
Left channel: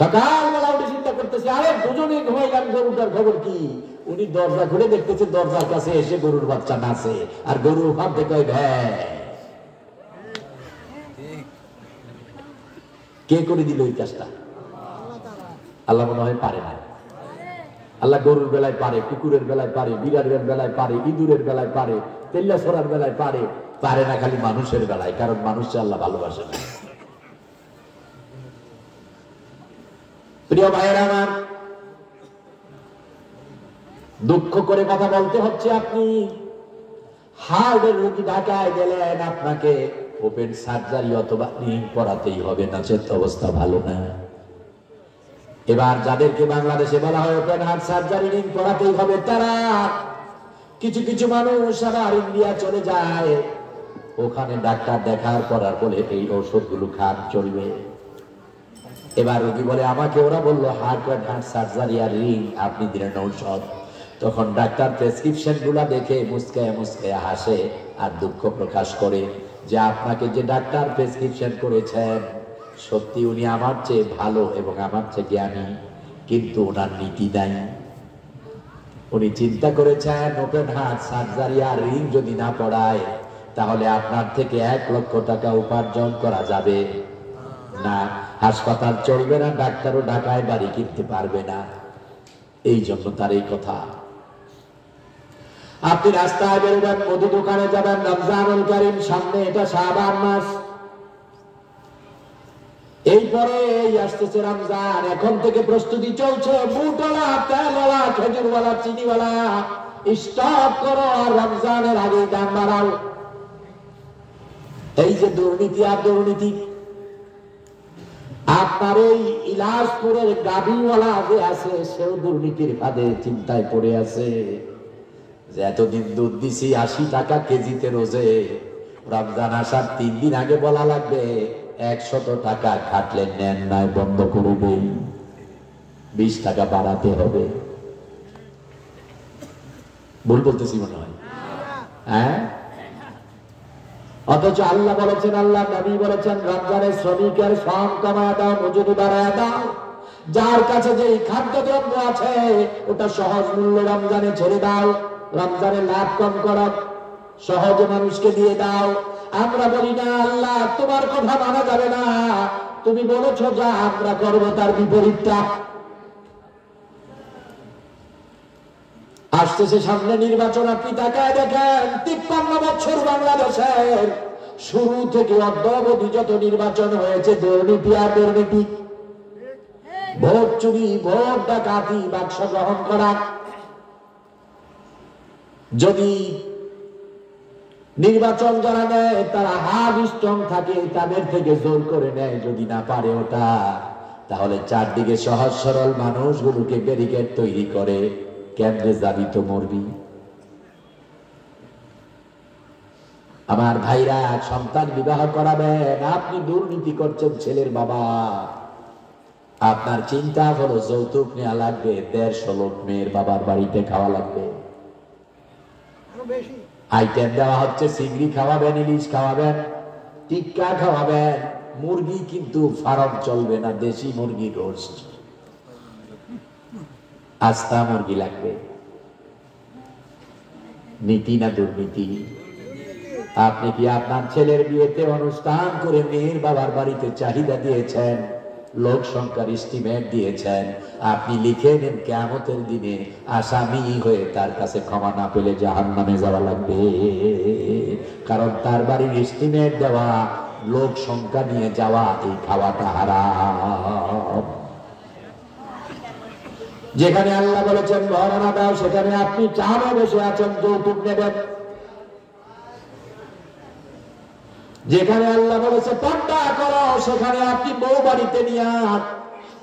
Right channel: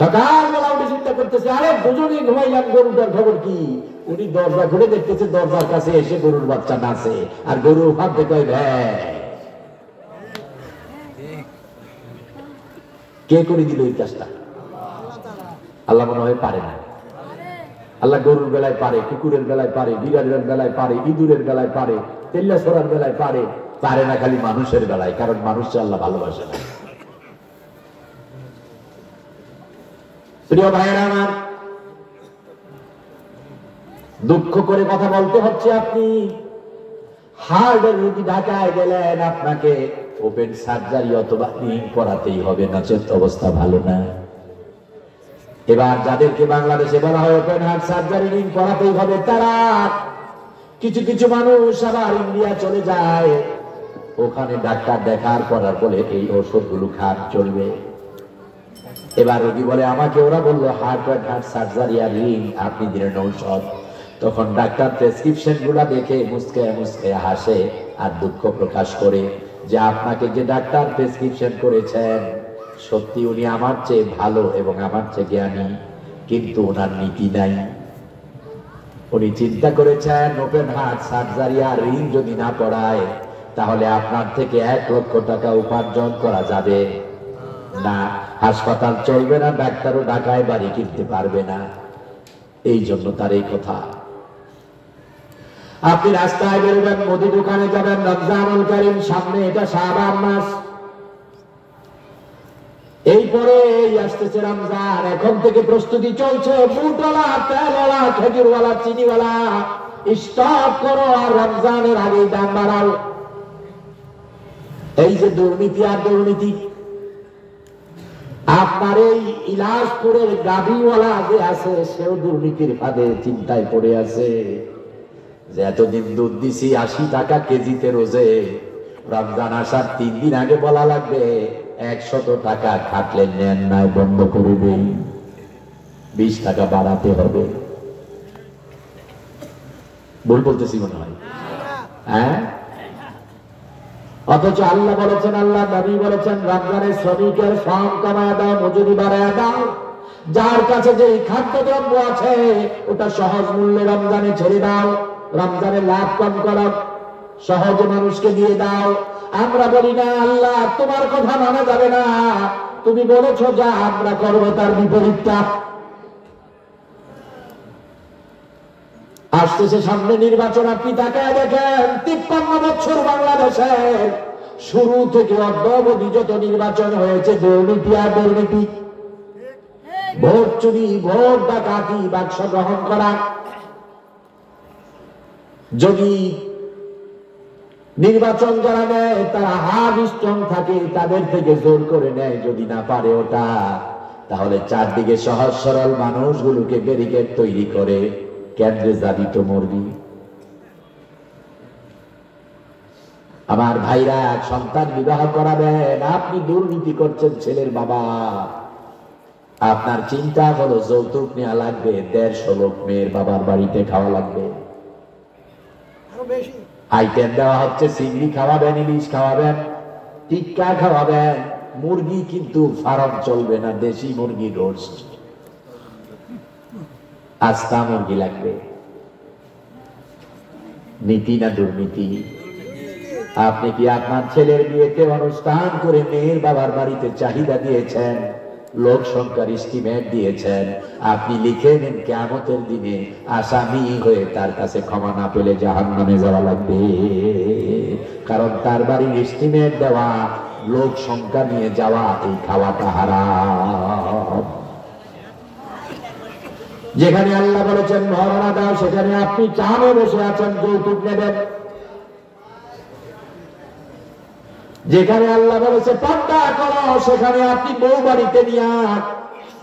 সকালবেলা উঠে চিন্তা করতেছে, আরে দুজনেই ঘুমাইলাম, গরুটার খবর কি? উনি দরজা খুলে দেখতেছে, দরজার কাছে এসে গরুর বাচ্চা নাচে, আর গরু ভাব দেখে কে করে দিল এই কাজটা? আল্লাহ মনে হয় পারে না। আল্লাহ গরুর বেলায় পারে, কুকুরের বেলায় পারে, বিড়ালের বেলায় পারে, ইঁদুরের বেলায় পারে, তেল্লা সরার বেলায় পারে, পারে না খালি মানুষের বেলায়, কারণ মানুষকে আল্লাহ ভালোবাসে না। প্রিয় ভাইয়েরা আমার, দুঃখ করে কথা বলতে হচ্ছে, আপনি হার্টের রোগী ঢাকায় গেলেন, আপনাকে ওপেন সার্জারি অথবা রিং করাতেই হবে, নচেত অবস্থা ভালো না। এবার যাদেরকে বাংলাদেশে বলা হয় ওপেন হার্ট সার্জারি রিং করাতেই হবে, তারা কিছু কিছু মানুষ আবার ইন্ডিয়া চলে যায়, ওখানে ডাক্তার দেখার পর বলে এই ওষুধগুলো খান, চলবে। এবার রোগী বলে আমাকে ওরা বললো হার্ট সার্জারি আর রিং আপনি দিলেন ঔষধ। তখন ডাক্তার প্রেসক্রিপশন গুলা দেখে মুস্কে মুস্কে হাসে আর দুঃখ প্রকাশ করে যে আপনাকে যে ডাক্তার প্রেসক্রিপশন করেছেন সত্যি উনি আমার চেয়ে ভালো এবং আমার চেয়ে জ্ঞানী, কিন্তু ওনার নীতি নাই। উনি চিন্তা করেছেন ওপেন হার্ট সার্জারি আর রিং যদি না পড়ায় তাহলে আপনার থেকে 1 লক্ষ টাকা উপার্জন করা যাবে না, হাসপাতাল চলবে না, ডাক্তারও ঢাকায় বাড়ি কিনতে পারবে না। এই জন্য তার এই কথা। আপনি রাস্তায় বেরোবেন, মুদি দোকানে যাবেন, রমজানুল কারীম সামনে, এটা শাবান মাস, এরপরে এই আসতেছে রমজান, এখন থেকে প্রস্তুতি চলছে। বুটওয়ালা, তেলওয়ালা, খেজুরওয়ালা, চিনিওয়ালা স্টপ করো আর রমজানের আগে দান বাড়াও। এই যে দুর্নীতি আর দুর্নীতি, আপনার এই ইলাজপুরের গাভীওয়ালা যে আছে সেও দুর্নীতির ফাঁদে চিন্তায় পড়ে আছে যে এতদিন দুধ দিছি 80 টাকা কেজিতে রোজে, রমজান আসার 3 দিন আগে বলা লাগবে 100 টাকা খাটলে নেন নাই বন্ধ করে দেই, 20 টাকা বাড়াতে হবে। ভুল বলতেছি মনে হয়? হ্যাঁ, অথচ আল্লাহ বলেছেন, আল্লাহ নবী বলেছেন রমজানের শ্রমিকের শ্রম কমা দাও, মজুরি বাড়ায় দাও। যার কাছে যে খাদ্যদ্রব্য আছে ওটা সহজ মূল্যে রমজানে ছেড়ে দাও, রমজানে লাভ কম করো, সহজে মানুষকে দিয়ে দাও। আমরা বলি না আল্লাহ তোমার কথা মানা যাবে না, তুমি বলেছো যা আমরা করবো তার বিপরীতটা। আসতেছে সামনে নির্বাচন, আপনি তাকায় দেখেন 53 বছর বাংলাদেশের শুরু থেকে অদ্যাবধি যত নির্বাচন হয়েছে দুর্নীতি আর দুর্নীতি, ভোট চুরি, ভোট ডাকাতি, বাক্স গ্রহণ করা। যদি নির্বাচন যারা নেয় তারা হাফ স্ট্রং থাকে, তাদের থেকে জোর করে নেয়, যদি না পারে ওটা তাহলে চারদিকে সহজ সরল মানুষগুলোকে ব্যারিকেড তৈরি করে কেন্দ্রে যাবি তো মরবি। আমার ভাইরা, সন্তান বিবাহ করাবেন, আপনি দুর্নীতি করছেন ছেলের বাবা, আপনার চিন্তা হলো যৌতুক নেওয়া লাগবে, 150 লোক মেয়ের বাবার বাড়িতে খাওয়া লাগবে, আইটেম দেওয়া হচ্ছে, চিংড়ি খাওয়াবেন, ইলিশ খাওয়াবেন, টিক্কা খাওয়াবেন, মুরগি কিন্তু ফার্ম চলবে না, দেশি মুরগি রোস্ট, আস্তা মুরগি লাগবে। নীতি না দুর্নীতি? আপনি কি আপনার ছেলের বিয়েতে অনুষ্ঠান করে মেয়ের বাবার বাড়িতে চাহিদা দিয়েছেন, লোক সংখ্যার এস্টিমেট দিয়েছেন, আপনি লিখে নেন কিয়ামতের দিনে আসামি হয়ে তার কাছে ক্ষমা না পেলে জাহান্নামে যাওয়া লাগবে। কারণ তার বাড়ির এস্টিমেট দেওয়া, লোক সংখ্যা নিয়ে যাওয়া, এই খাওয়াটা হারাম। যেখানে আল্লাহ বলেছেন মহানা দাও, সেখানে আপনি চারে বসে আছেন যৌতুক নেবেন। যেখানে আল্লাহ বলেছে পর্দা করো, সেখানে আপনি বউ বাড়িতে নিয়ে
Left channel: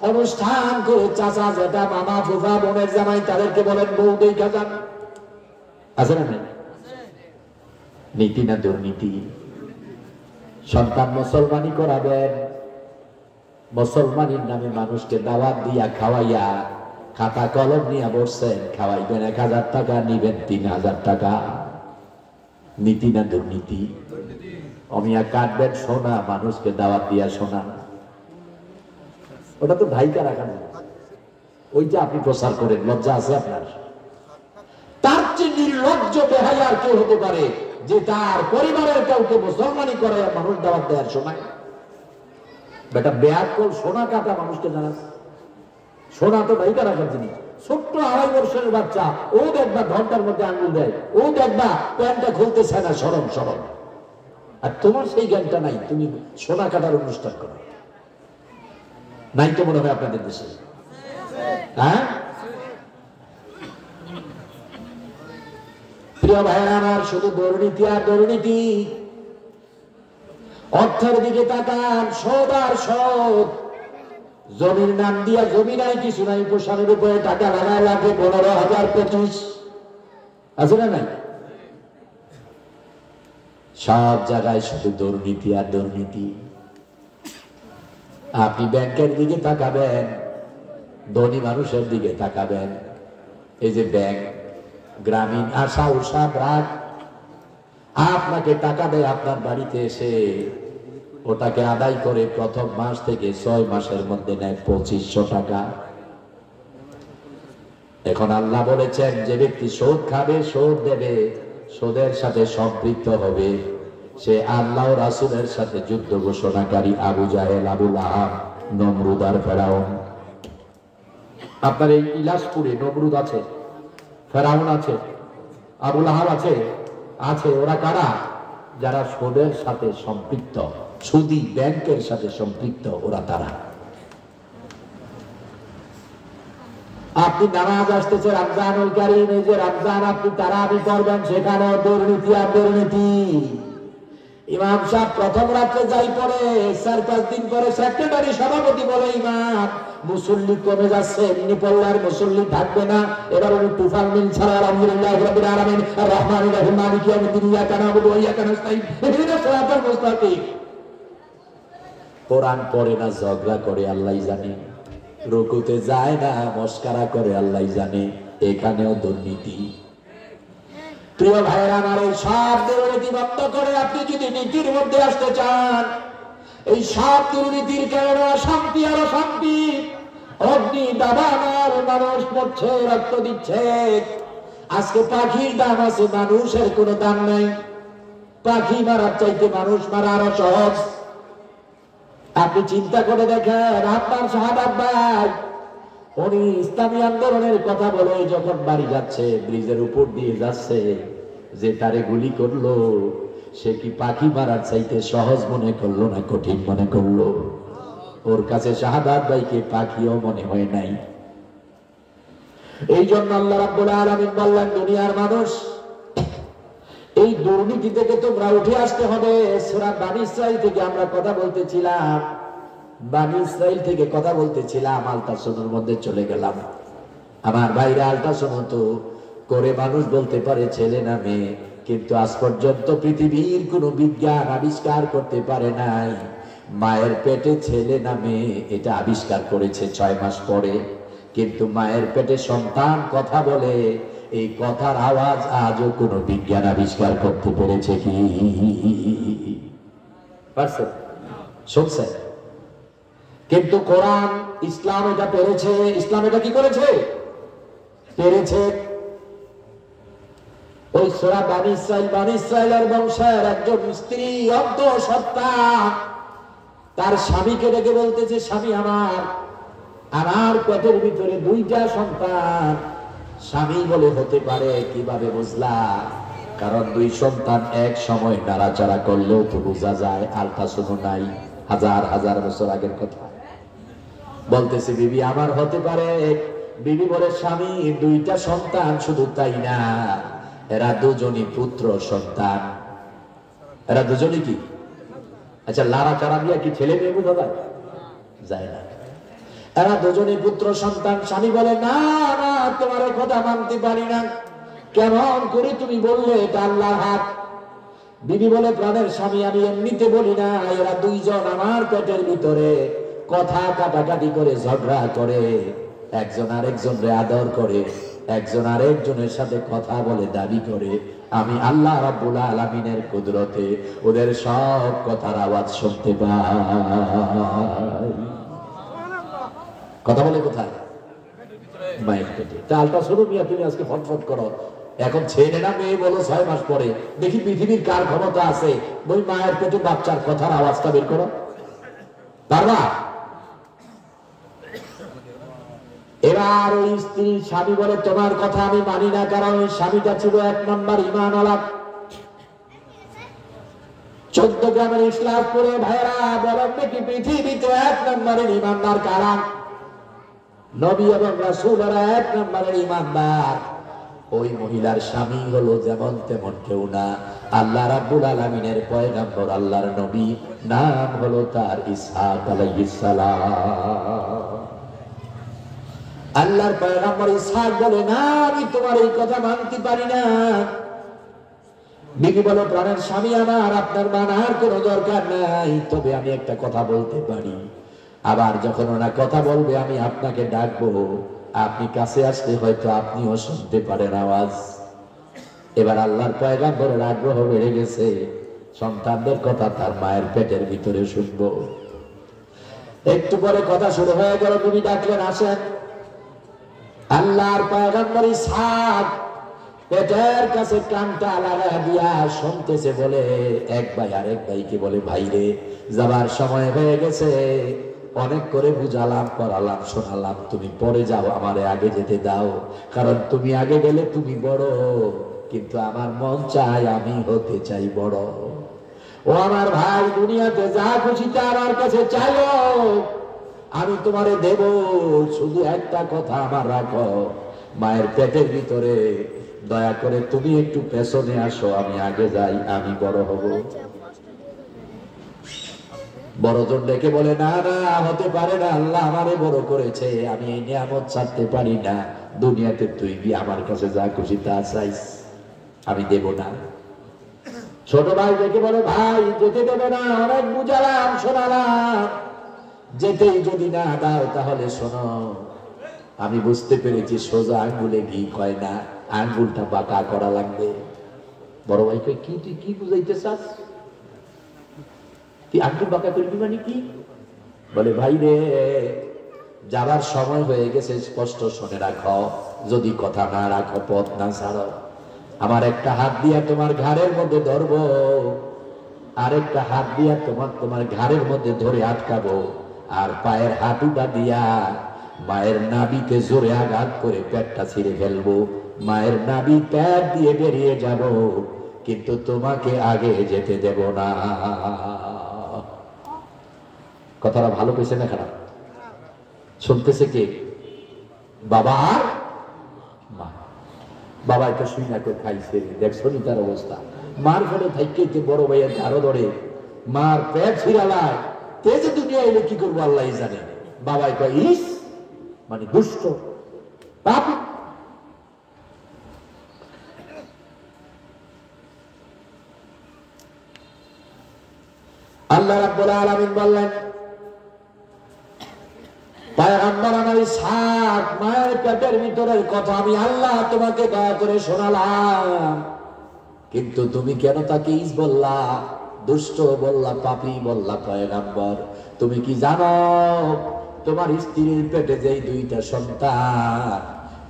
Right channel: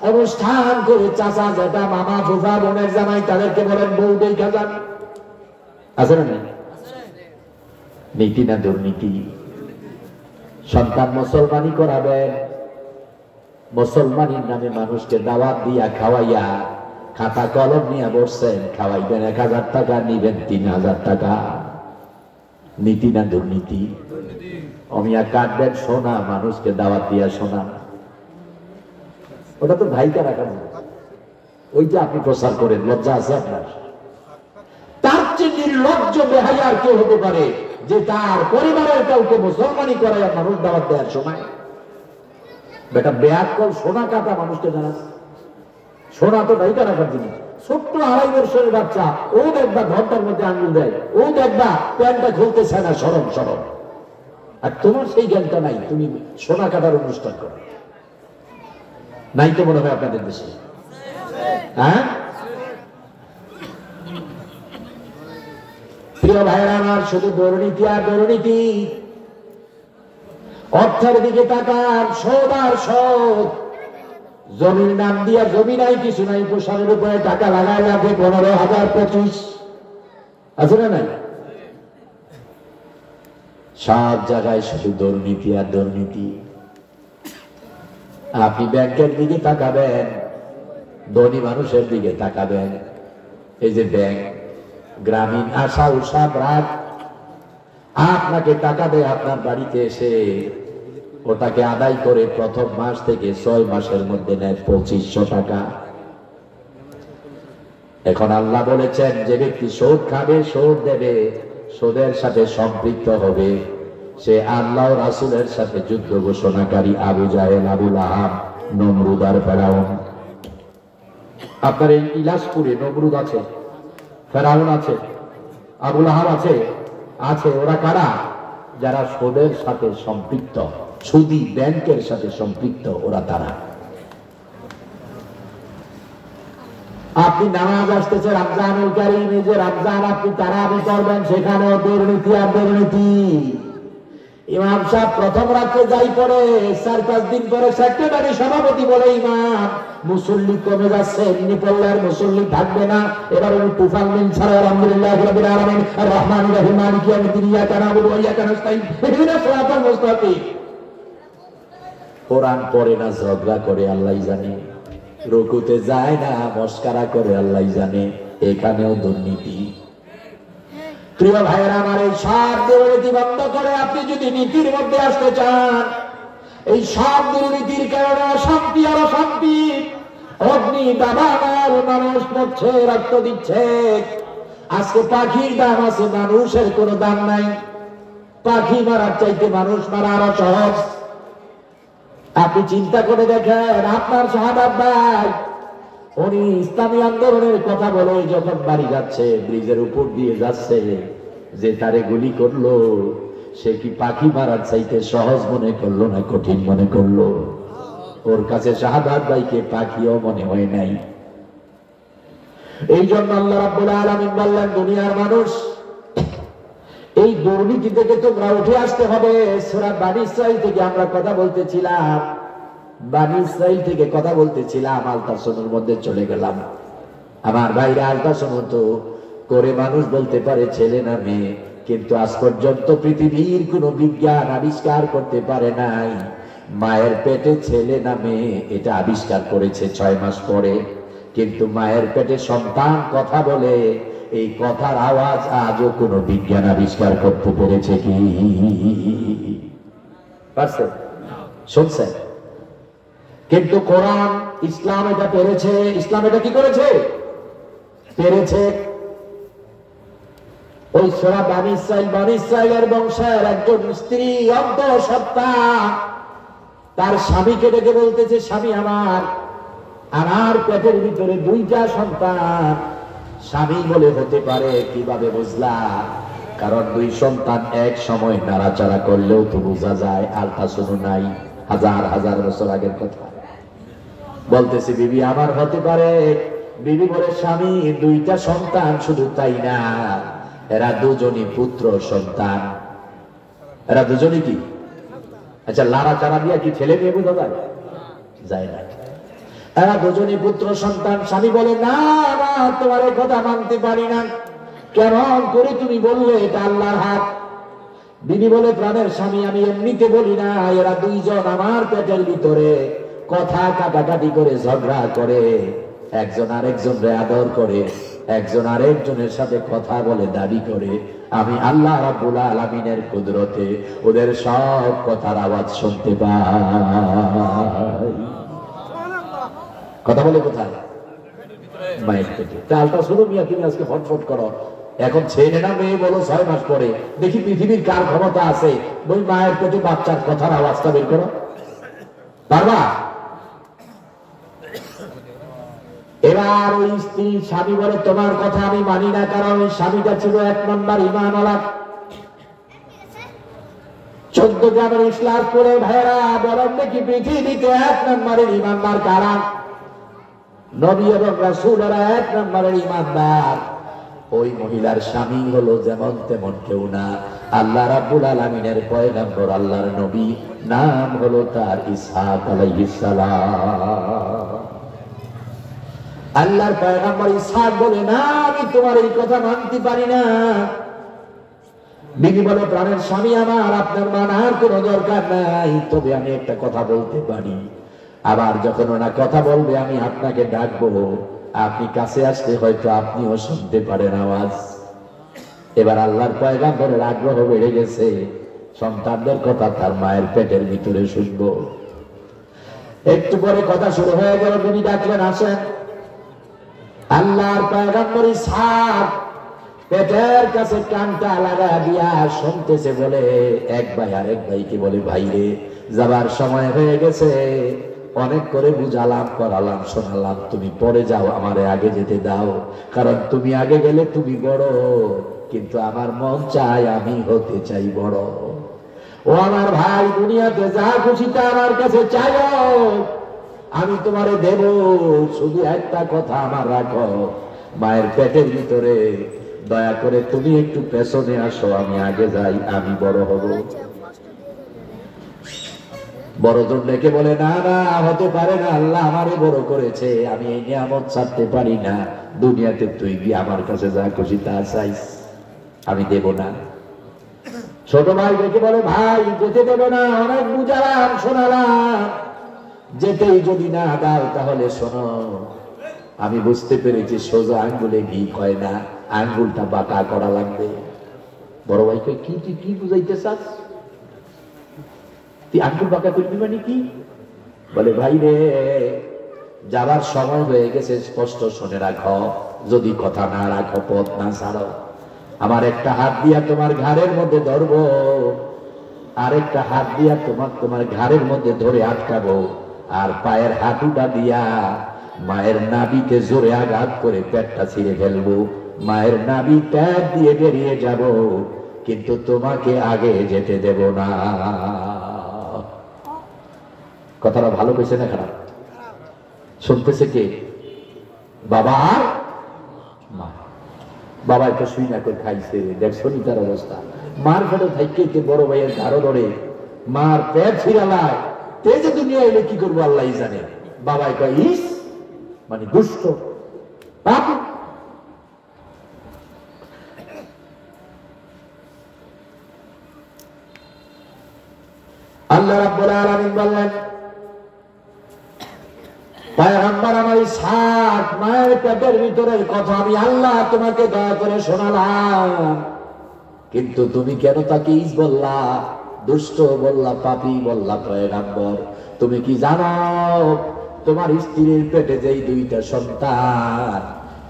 অনুষ্ঠান করে চাচা জ্যাঠা মামা ফুফা বোনের জামাই তাদেরকে বলেন বউ দেখা যান, আছে না? নীতি না দুর্নীতি? সন্তান মুসলমানি করাবেন, মুসলমানের নামে মানুষকে দাওয়াত দিয়া খাওয়াইয়া খাতা কলম নিয়ে বসছেন, খাওয়াইবেন 1000 টাকা, নিবেন 3000 টাকা। নীতি না দুর্নীতি? অমিয়া কাটবেন সোনা, মানুষকে দাওয়াত দিয়া সোনা, ওটা তো ভাইকা রাখার না, ওইটা আপনি প্রচার করেন, লজ্জা আছে আপনার? তার চেয়ে নির্লজ্জ বেহায়া আর কেউ হতে পারে যে তার পরিবারের কাউকে মুসলমানি করে মানুষ দাওয়াত দেওয়ার সময়? বেটা বেয়ার কর, সোনা কাটা মানুষকে জানা, সোনা তো ভাইকা রাখার জিনিস। ছোট্ট 2.5 বছরের বাচ্চা, ও দেখবা ঘন্টার মধ্যে আঙুল দেয়, ও দেখবা প্যান্টটা খুলতে চায় না, সরম সরম। আর তোমার সেই জ্ঞানটা নাই, তুমি সোনা কাটার অনুষ্ঠান করো নাই তো মনে হয় আপনাদের দেশে? হ্যাঁ, প্রিয় ভাইরা আমার, শুধু দুর্নীতি আর দুর্নীতি। অর্থের দিকে তাকান, শোধ আর শোধ। জমির নাম দিয়া জমি নাই, কিছু নাই, পোষানোর উপরে টাকা লাগায় লাগে 15,000-25, আছে না? নাই, সব জায়গায় শুধু দুর্নীতি আর দুর্নীতি। আপনি ব্যাংকের দিকে তাকাবেন, ধনী মানুষের দিকে তাকাবেন, এই যে ব্যাংক, গ্রামীণ আশা উৎসাহ রাগ, আপনাকে টাকা দেয় আপনার বাড়িতে এসে, ওটাকে আদায় করে প্রথম মাস থেকে 6 মাসের মধ্যে নেয় 2500 টাকা। এখন আল্লাহ বলেছেন যে ব্যক্তি সুদ খাবে, সুদ দেবে, সুদের সাথে সম্পৃক্ত হবে, সে আল্লাহ রাসূলের সাথে যুদ্ধ ঘোষণাকারী আবু জাহেল, আবু লাহাব, নমরুদ আর ফেরাউন। আপনার এই ইলাসপুরে নমরুদ আছে, ফেরাউন আছে, আবু লাহাব আছে, আছে। ওরা কারা? যারা সুদের সাথে সম্পৃক্ত, সুদী ব্যাংকের সাথে সম্পৃক্ত, ওরা তারা। আপনি নামাজ আসতেছে রমজানুল কারীম, এই যে রমজান আপনি তারাবি করবেন, সেখানেও দুর্নীতি আর দুর্নীতি। ইমাম সাহেব প্রথম রাত্রে যাই পরে 4-5 দিন পরে সেক্রেটারি সভাপতি বলে ইমাম মুসল্লি কমে যাচ্ছে, এমনি পড়লে আর মুসল্লি থাকবে না, এবার ওই তুফান দিন ছাড়া আলহামদুলিল্লাহ রাব্বিল আলামিন আর রহমানির রহিম মালিকি ইয়াউমিদ্দিন ইয়াকা না'বুদু ওয়া ইয়াকা নাস্তাঈন ইহদিনাস সিরাতাল মুস্তাকিম। কোরআন পড়ে না, ঝগড়া করে আল্লাহই জানে, রুকুতে যায় না, মস্কারা করে আল্লাহই জানে, এখানেও দুর্নীতি। প্রিয় ভাইরা আমার, এই সব দুর্নীতি বন্ধ করে আপনি যদি নীতির মধ্যে আসতে চান, এই সব দুর্নীতির কারণে অশান্তি আর অশান্তি, অগ্নি দাবানল, মানুষ মরছে, রক্ত দিচ্ছে। আজকে পাখির দাম আছে, মানুষের কোনো দাম নাই। পাখি মারার চাইতে মানুষ মারা আরো সহজ। আপনি চিন্তা করে দেখেন, আপনার শাহাদাত ভাই উনি ইসলামী আন্দোলনের কথা বলে যখন বাড়ি যাচ্ছে, ব্রিজের উপর দিয়ে যাচ্ছে, যে তারে গুলি করলো সে কি পাখি মারার চাইতে সহজ মনে করলো না কঠিন মনে করলো? ওর কাছে শাহাদাত ভাইকে পাখিও মনে হয় নাই। এই জন্য আল্লাহ রাব্বুল আলামিন বললেন, দুনিয়ার মানুষ, এই দুর্নীতি থেকে তোমরা উঠে আসতে হবে। সূরা বানী ইসরাঈল থেকে আমরা কথা বলতেছিলাম, বানী ইসরাঈল থেকে কথা বলতেছিলাম, আলতাসমুর মধ্যে চলে গেলাম। আমার ভাইরা, আলতাসমু তো করে মানুষ বলতে পারে ছেলে না মেয়ে, কিন্তু আজ পর্যন্ত পৃথিবীর কোন বিজ্ঞান আবিষ্কার করতে পারে নাই মায়ের পেটে ছেলে না মেয়ে। এটা আবিষ্কার করেছে 6 মাস পরে, কিন্তু মায়ের পেটে সন্তান কথা বলে, এই কথার আওয়াজ আজও কোন বিজ্ঞান আবিষ্কার করতে পেরেছে কি? পারছে? শুনছে? কিন্তু কোরআন, ইসলাম এটা পেরেছে। ইসলাম এটা কি করেছে? পেরেছে। ওই সূরা বানী ইসরাঈল, বানী ইসরাঈলের বংশের একজন স্ত্রী অন্তঃসত্ত্বা তার স্বামীকে ডেকে বলতেছে, স্বামী আমার, আমার পেটের ভিতরে 2টা সন্তান। স্বামী বলে, হতে পারে, কিভাবে বুঝলা? কারণ 2 সন্তান এক সময় নাড়াচাড়া করলেও তো বোঝা যায়। আলতাসমু নাই, হাজার হাজার বছর আগের কথা বলতেছে, বিবি আমার হতে পারে। বিবি বলে, স্বামী 2টা সন্তান, শুধু তাই না, এরা দুজনই পুত্র সন্তান। এরা দুজনই কি? আচ্ছা, নাড়াচাড়া দিয়া কি ছেলে মেয়ে বোঝা যায় না? এরা দুজনই পুত্র সন্তান। স্বামী বলে, না না, তোমার কথা মানতে পারি না। কেমন করে তুমি বললে এটা আল্লাহর হাত? বিবি বলে, প্রাণের স্বামী, আমি এমনিতে বলি না, এরা 2 জন আমার পেটের ভিতরে কথা কাটাকাটি করে, ঝগড়া করে, একজন আরেকজনকে আদর করে, একজন আরেকজনের সাথে কথা বলে, দাবি করে। আমি আল্লাহ রাব্বুল আলামিনের কুদরতে ওদের সব কথার আওয়াজ শুনতে পাই। কথা বলে কোথায়? মায়ের পেটে। তা আলতাসমু মিয়া, তুমি আজকে ফটফট করো, এখন ছেলে না মেয়ে বলো 6 মাস পরে, দেখি পৃথিবীর কার ক্ষমতা আছে ওই মায়ের পেটে বাচ্চার কথার আওয়াজটা বের করো? পারবা? এবার ওই স্ত্রী, স্বামী বলে, তোমার কথা আমি মানি না, কারণ ওই স্বামীটা ছিল 1 নম্বর ঈমানওয়ালা। 14 গ্রামের ইসলাম করে ভাইরা, বরং নাকি পৃথিবীতে 1 নম্বরের ঈমানদার কারা? নবী এবং রাসূলরা 1 নম্বরের ঈমানদার। ওই মহিলার স্বামী হলো যেমন তেমন কেউ না, আল্লাহ রাব্বুল আলামিনের পয়গম্বর, আল্লাহর নবী, নাম হলো তার ইসহাক আলাইহিস সালাম। আল্লাহর পয়গম্বর ইসহাক বলে, না, আমি তোমার এই কথা মানতে পারি না। বিবি বলে, প্রাণের স্বামী আমার, আপনার মানার কোনো দরকার নাই, তবে আমি একটা কথা বলতে পারি। আবার যখন ওনা কথা বলবে, আমি আপনাকে ডাকবো, আপনি কাছে আসলে হয়তো আপনিও শুনতে পারেন আওয়াজ। এবার আল্লাহর পয়গম্বরের আগ্রহ বেড়ে গেছে, সন্তানদের কথা তার মায়ের পেটের ভিতরে শুনবো। একটু পরে কথা শুরু হয়ে গেল, তিনি ডাকলেন, আসেন। আল্লাহর পয়গম্বর ইসহাক পেটের কাছে কানটা লাগা দিয়া শুনতেছে। বলে, এক ভাই আরেক ভাইকে বলে, ভাইরে, যাবার সময় হয়ে গেছে, অনেক করে বুঝালাম, করালাম, শোনালাম, তুমি পরে যাও, আমারে আগে যেতে দাও, কারণ তুমি আগে গেলে তুমি বড়, কিন্তু আমার মন চায় আমি হতে চাই বড়। ও আমার ভাই, দুনিয়াতে যা খুশি তা আমার কাছে চাইও, আমি তোমারে দেব, শুধু একটা কথা আমার রাখো, মায়ের পেটের ভিতরে দয়া করে তুমি একটু পেছনে আসো, আমি আগে যাই, আমি বড় হব। বড়জন ডেকে বলে, না না, হতে পারে না, আল্লাহ আমারে বড় করেছে, আমি এই নিয়ামত ছাড়তে পারি না। দুনিয়াতে তুই গিয়ে আমার কাছে যা খুশি তা চাইস, আমি দেব না। ছোট ভাই ডেকে বলে, ভাই যেতে দেবে না, অনেক বুঝালাম, শোনালাম, যেতেই যদি না দাও তাহলে শোনো, আমি বুঝতে পেরেছি সোজা আঙ্গুলে ঘি হয় না, আঙ্গুলটা বাঁকা করা লাগবে। বড় ভাই কই, কি তুই কি বুঝাইতে চাস? তুই আঙ্গুল বাঁকা করবি মানে কি? বলে, ভাই রে, যাবার সময় হয়ে গেছে স্পষ্ট শুনে রাখো, যদি কথা না রাখো, পথ না ছাড়ো, আমার একটা হাত দিয়া তোমার ঘাড়ের মধ্যে ধরবো, আরেকটা হাত দিয়া তোমার ঘাড়ের মধ্যে ধরে আটকাবো, আর পায়ের হাঁটুটা দিয়া মায়ের নাভিতে জোরে আঘাত করে পেটটা ছিঁড়ে ফেলবো, মায়ের নাভি পেট দিয়ে বেরিয়ে যাব, কিন্তু তোমাকে আগে যেতে দেব না। কথাটা ভালো কইছে না খারাপ? শুনতেছে কে? বাবা আর মা। বাবা একটা শুই না করে খাইছে, দেখছো নি তার অবস্থা? মার ফেলে থাইকে বড় ভাইয়ের ধারো ধরে মার পেট ছিড়ালা, তেজে দুনিয়া এলে কি করবো আল্লাহ জানে। বাবাই কয়, ইস মানে দুষ্ট পাপ। আল্লাহ রাব্বুল আলামিন বললেন, পয়গম্বর আমার ইসহাক মায়ের পেটের ভিতরের কথা আমি আল্লাহ তোমাকে দয়া করে শোনালাম, কিন্তু তুমি কেন তাকে ইস বললা, দুষ্ট বললা, পাপী বললা? পয়গম্বর, তুমি কি জানো তোমার স্ত্রীর পেটে যেই দুইটা সন্তান,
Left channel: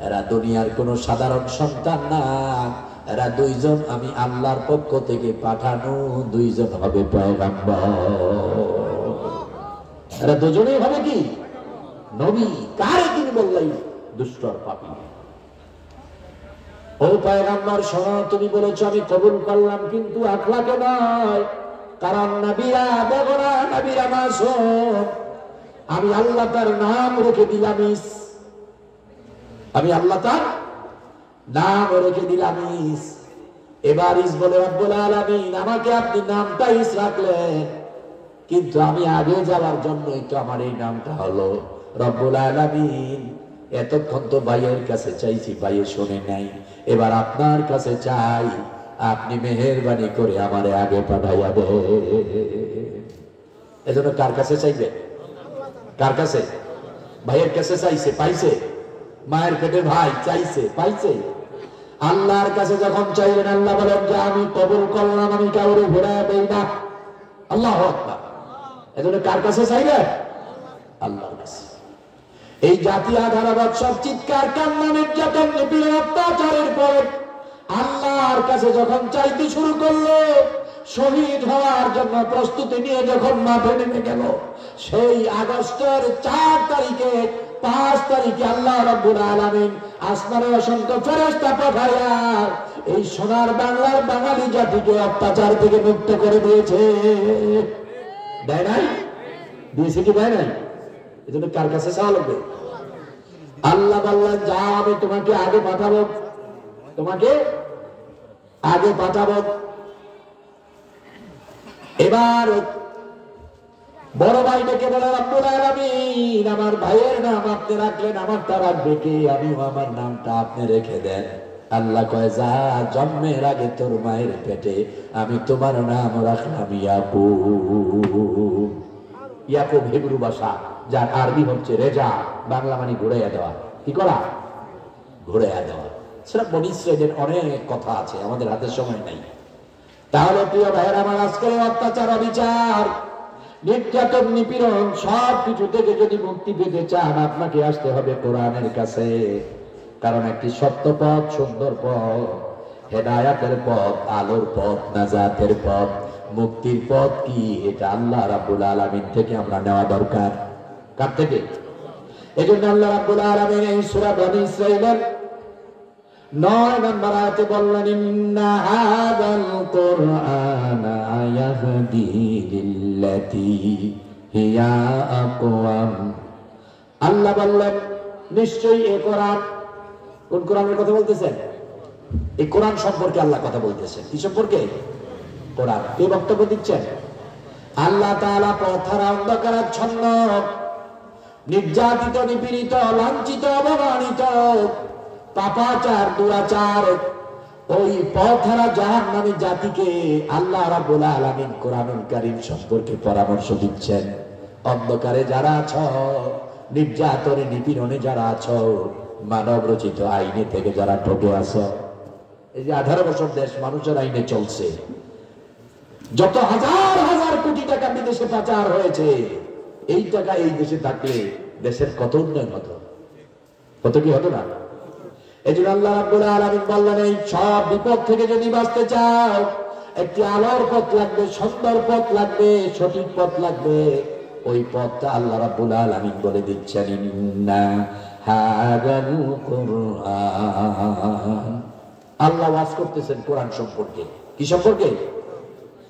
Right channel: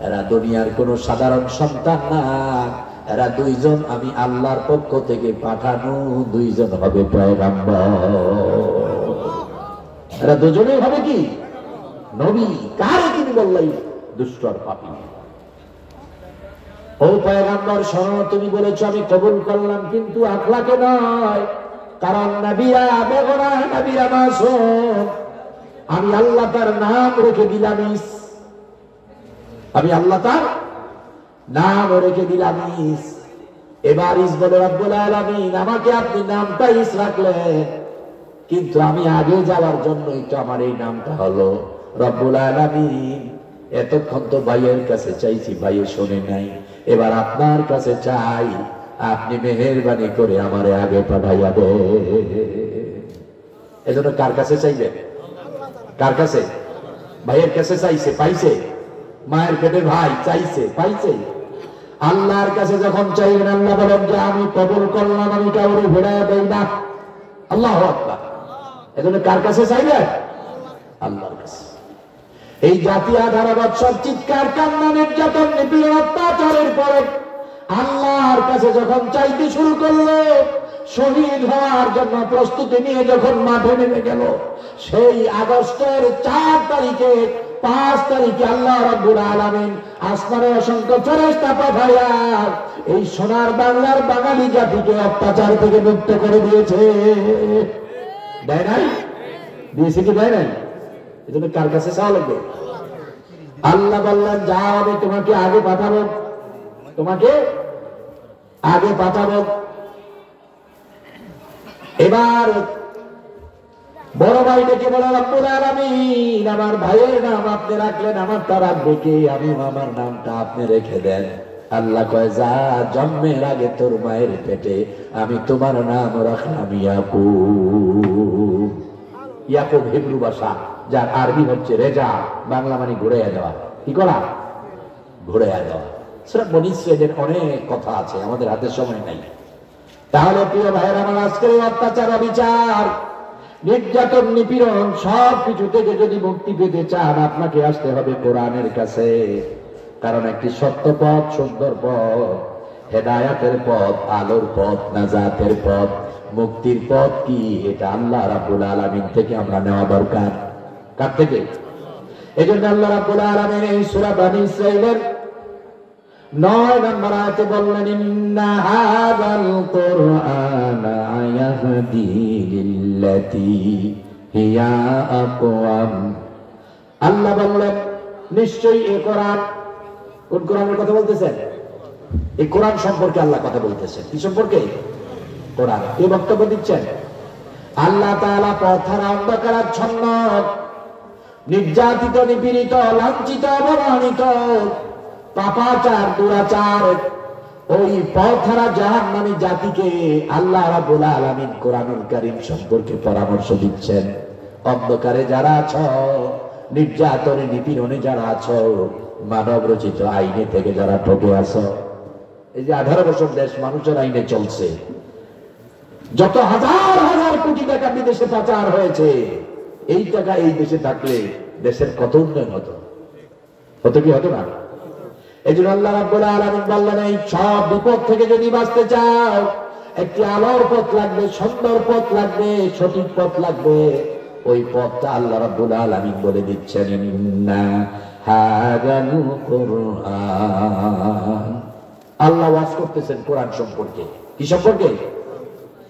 এরা দুনিয়ার কোন সাধারণ সন্তান না, এরা দুইজন আমি আল্লাহর পক্ষ থেকে পাঠানো দুইজন হবে পয়গম্বর। এরা দুজনেই হবে কি নবী। কার তিনি বললেন দুষ্ট আর পাপী? ও পয়গম্বর শোনো, তুমি বলেছো আমি কবুল করলাম, কিন্তু আখলাকে নয়, কারণ নবীরা বেগরা, নবীরা মাসুম। আমি আল্লাহ তার নাম রেখে দিলাম ইস, আমি আল্লাহ তার নাম রেখে দিলাম ইস। এবার ইস বলে, রব্বুল আলামিন আমাকে আপনি নামটা ইস রাখলেন, কিন্তু আমি আগে যাওয়ার জন্যই তো আমার এই নামটা হলো। রব্বুল আলামিন এতক্ষণ তো ভাইয়ের কাছে চাইছি, ভাই শুনে নাই, এবার আপনার কাছে চাই, আপনি মেহেরবানি করে আমারে আগে পাঠাইয়া দে। এজন্য কার কাছে চাইবে? কার কাছে? ভাইয়ের কাছে চাইছে, পাইছে? মায়ের পেটে ভাই চাইছে, পাইছে? আল্লাহর কাছে যখন চাইলেন, আল্লাহ বলেন যে আমি কবুল করলাম, আমি কাউরে ঘোরাইয়া দেই না। আল্লাহু আকবার। এজন্য কার কাছে চাইলেন? আল্লাহর কাছে। এই জাতি 18 বছর চিৎকার, কান্না, নির্যাতন, নিপীড়ন, অত্যাচারের পর আল্লাহর কাছে যখন চাইতে শুরু করলো, শহীদ হওয়ার জন্য প্রস্তুতি নিয়ে যখন মাঠে নেমে গেল, সেই আগস্টের 4 তারিখে 5 তারিখে আল্লাহ রাব্বুল আলামিন আসমানে অসংখ্য ফেরেশতা পাঠায়া এই সোনার বাংলার বাঙালি জাতিকে অত্যাচার থেকে মুক্ত করে দিয়েছে। দেয় নাই? দিয়েছে কি দেয় নাই? এজন্য কার কাছে চাওয়া লাগবে? আল্লাহ বললেন, যাও আমি তোমাকে আগে পাঠাবো, তোমাকে আগে পাঠাবো। এবার বড় ভাই ডেকে বলে, রব্বুল আলামিন আমার ভাইয়ের নাম আপনি রাখলেন, আমারটা রাখবে কে? আমি আমার নামটা আপনি রেখে দেন। আল্লাহ কয়, যা, জন্মের আগে তোর মায়ের পেটে আমি তোমার নাম রাখলাম ইয়াকুব। ইয়াকুব হিব্রু ভাষা, যার আরবি হচ্ছে রেজা, বাংলা মানে ঘুরাইয়া দেওয়া। কি করা? ঘুরাইয়া দেওয়া। সূরা বনী ইসরাঈলের অনেক কথা আছে, আমাদের হাতে সময় নাই। তাহলে প্রিয় ভাইয়েরা আমার, আজকের অত্যাচার, বিচার, নির্যাতন, নিপীড়ন সব কিছু থেকে যদি মুক্তি পেতে চান, আপনাকে আসতে হবে কোরআনের কাছে। কারণ একটি সত্য পথ, সুন্দর পথ, হেদায়াতের পথ, আলোর পথ, নাজাতের পথ, মুক্তির পথ কি, এটা আল্লাহ রাব্বুল আলামিন থেকে আমরা নেওয়া দরকার। কার থেকে? এজন্য আল্লাহ রাব্বুল আলামিন এই সূরা বনী ইসরাঈলের 9 নম্বর আয়াতে বললেন, ইন্না হাযাল কুরআনা ইয়াহদি লিল্লাতী হিয়া আকওয়াম আল্লাহ বললেন নিশ্চয়ই এই কোরআন, কোন কোরআনের কথা বলতেছেন? এই কোরআন সম্পর্কে আল্লাহ কথা বলতেছেন। কি সম্পর্কে? কোরআন। কে বক্তব্য দিচ্ছেন? আল্লাহ তাআলা পথহারা, অন্ধকারাচ্ছন্ন, নির্যাতিত, নিপীড়িত, লাঞ্ছিত, অবমানিত, পাপাচার, দুরাচার, ওই পথহারা জাহান্নামী জাতিকে আল্লাহ রাব্বুল আলামিন কোরআনুল কারীম সম্পর্কে পরামর্শ দিচ্ছেন। অন্ধকারে যারা আছো, নির্যাতনে নিপীড়নে যারা আছো, মানব রচিত আইনে থেকে যারা ঠকে আছো, এই যে 18 বছর দেশ মানুষের আইনে চলছে, যত হাজার হাজার কোটি টাকা বিদেশে পাচার হয়েছে, এই টাকা এই দেশে থাকলে দেশের কত উন্নয়ন হতো, কত কি হতো না? এই জন্য আল্লাহ রাব্বুল আলামিন বললেন, এই সব বিপদ থেকে যদি বাঁচতে চাও, একটি আলোর পথ লাগবে, সুন্দর পথ লাগবে, সঠিক পথ লাগবে। ওই পথটা আল্লাহ রাব্বুল আলামিন বলে দিচ্ছেন, ইন্না হাদাল কুরআন। আল্লাহ ওয়াজ করতেছেন কোরআন সম্পর্কে। কি সম্পর্কে?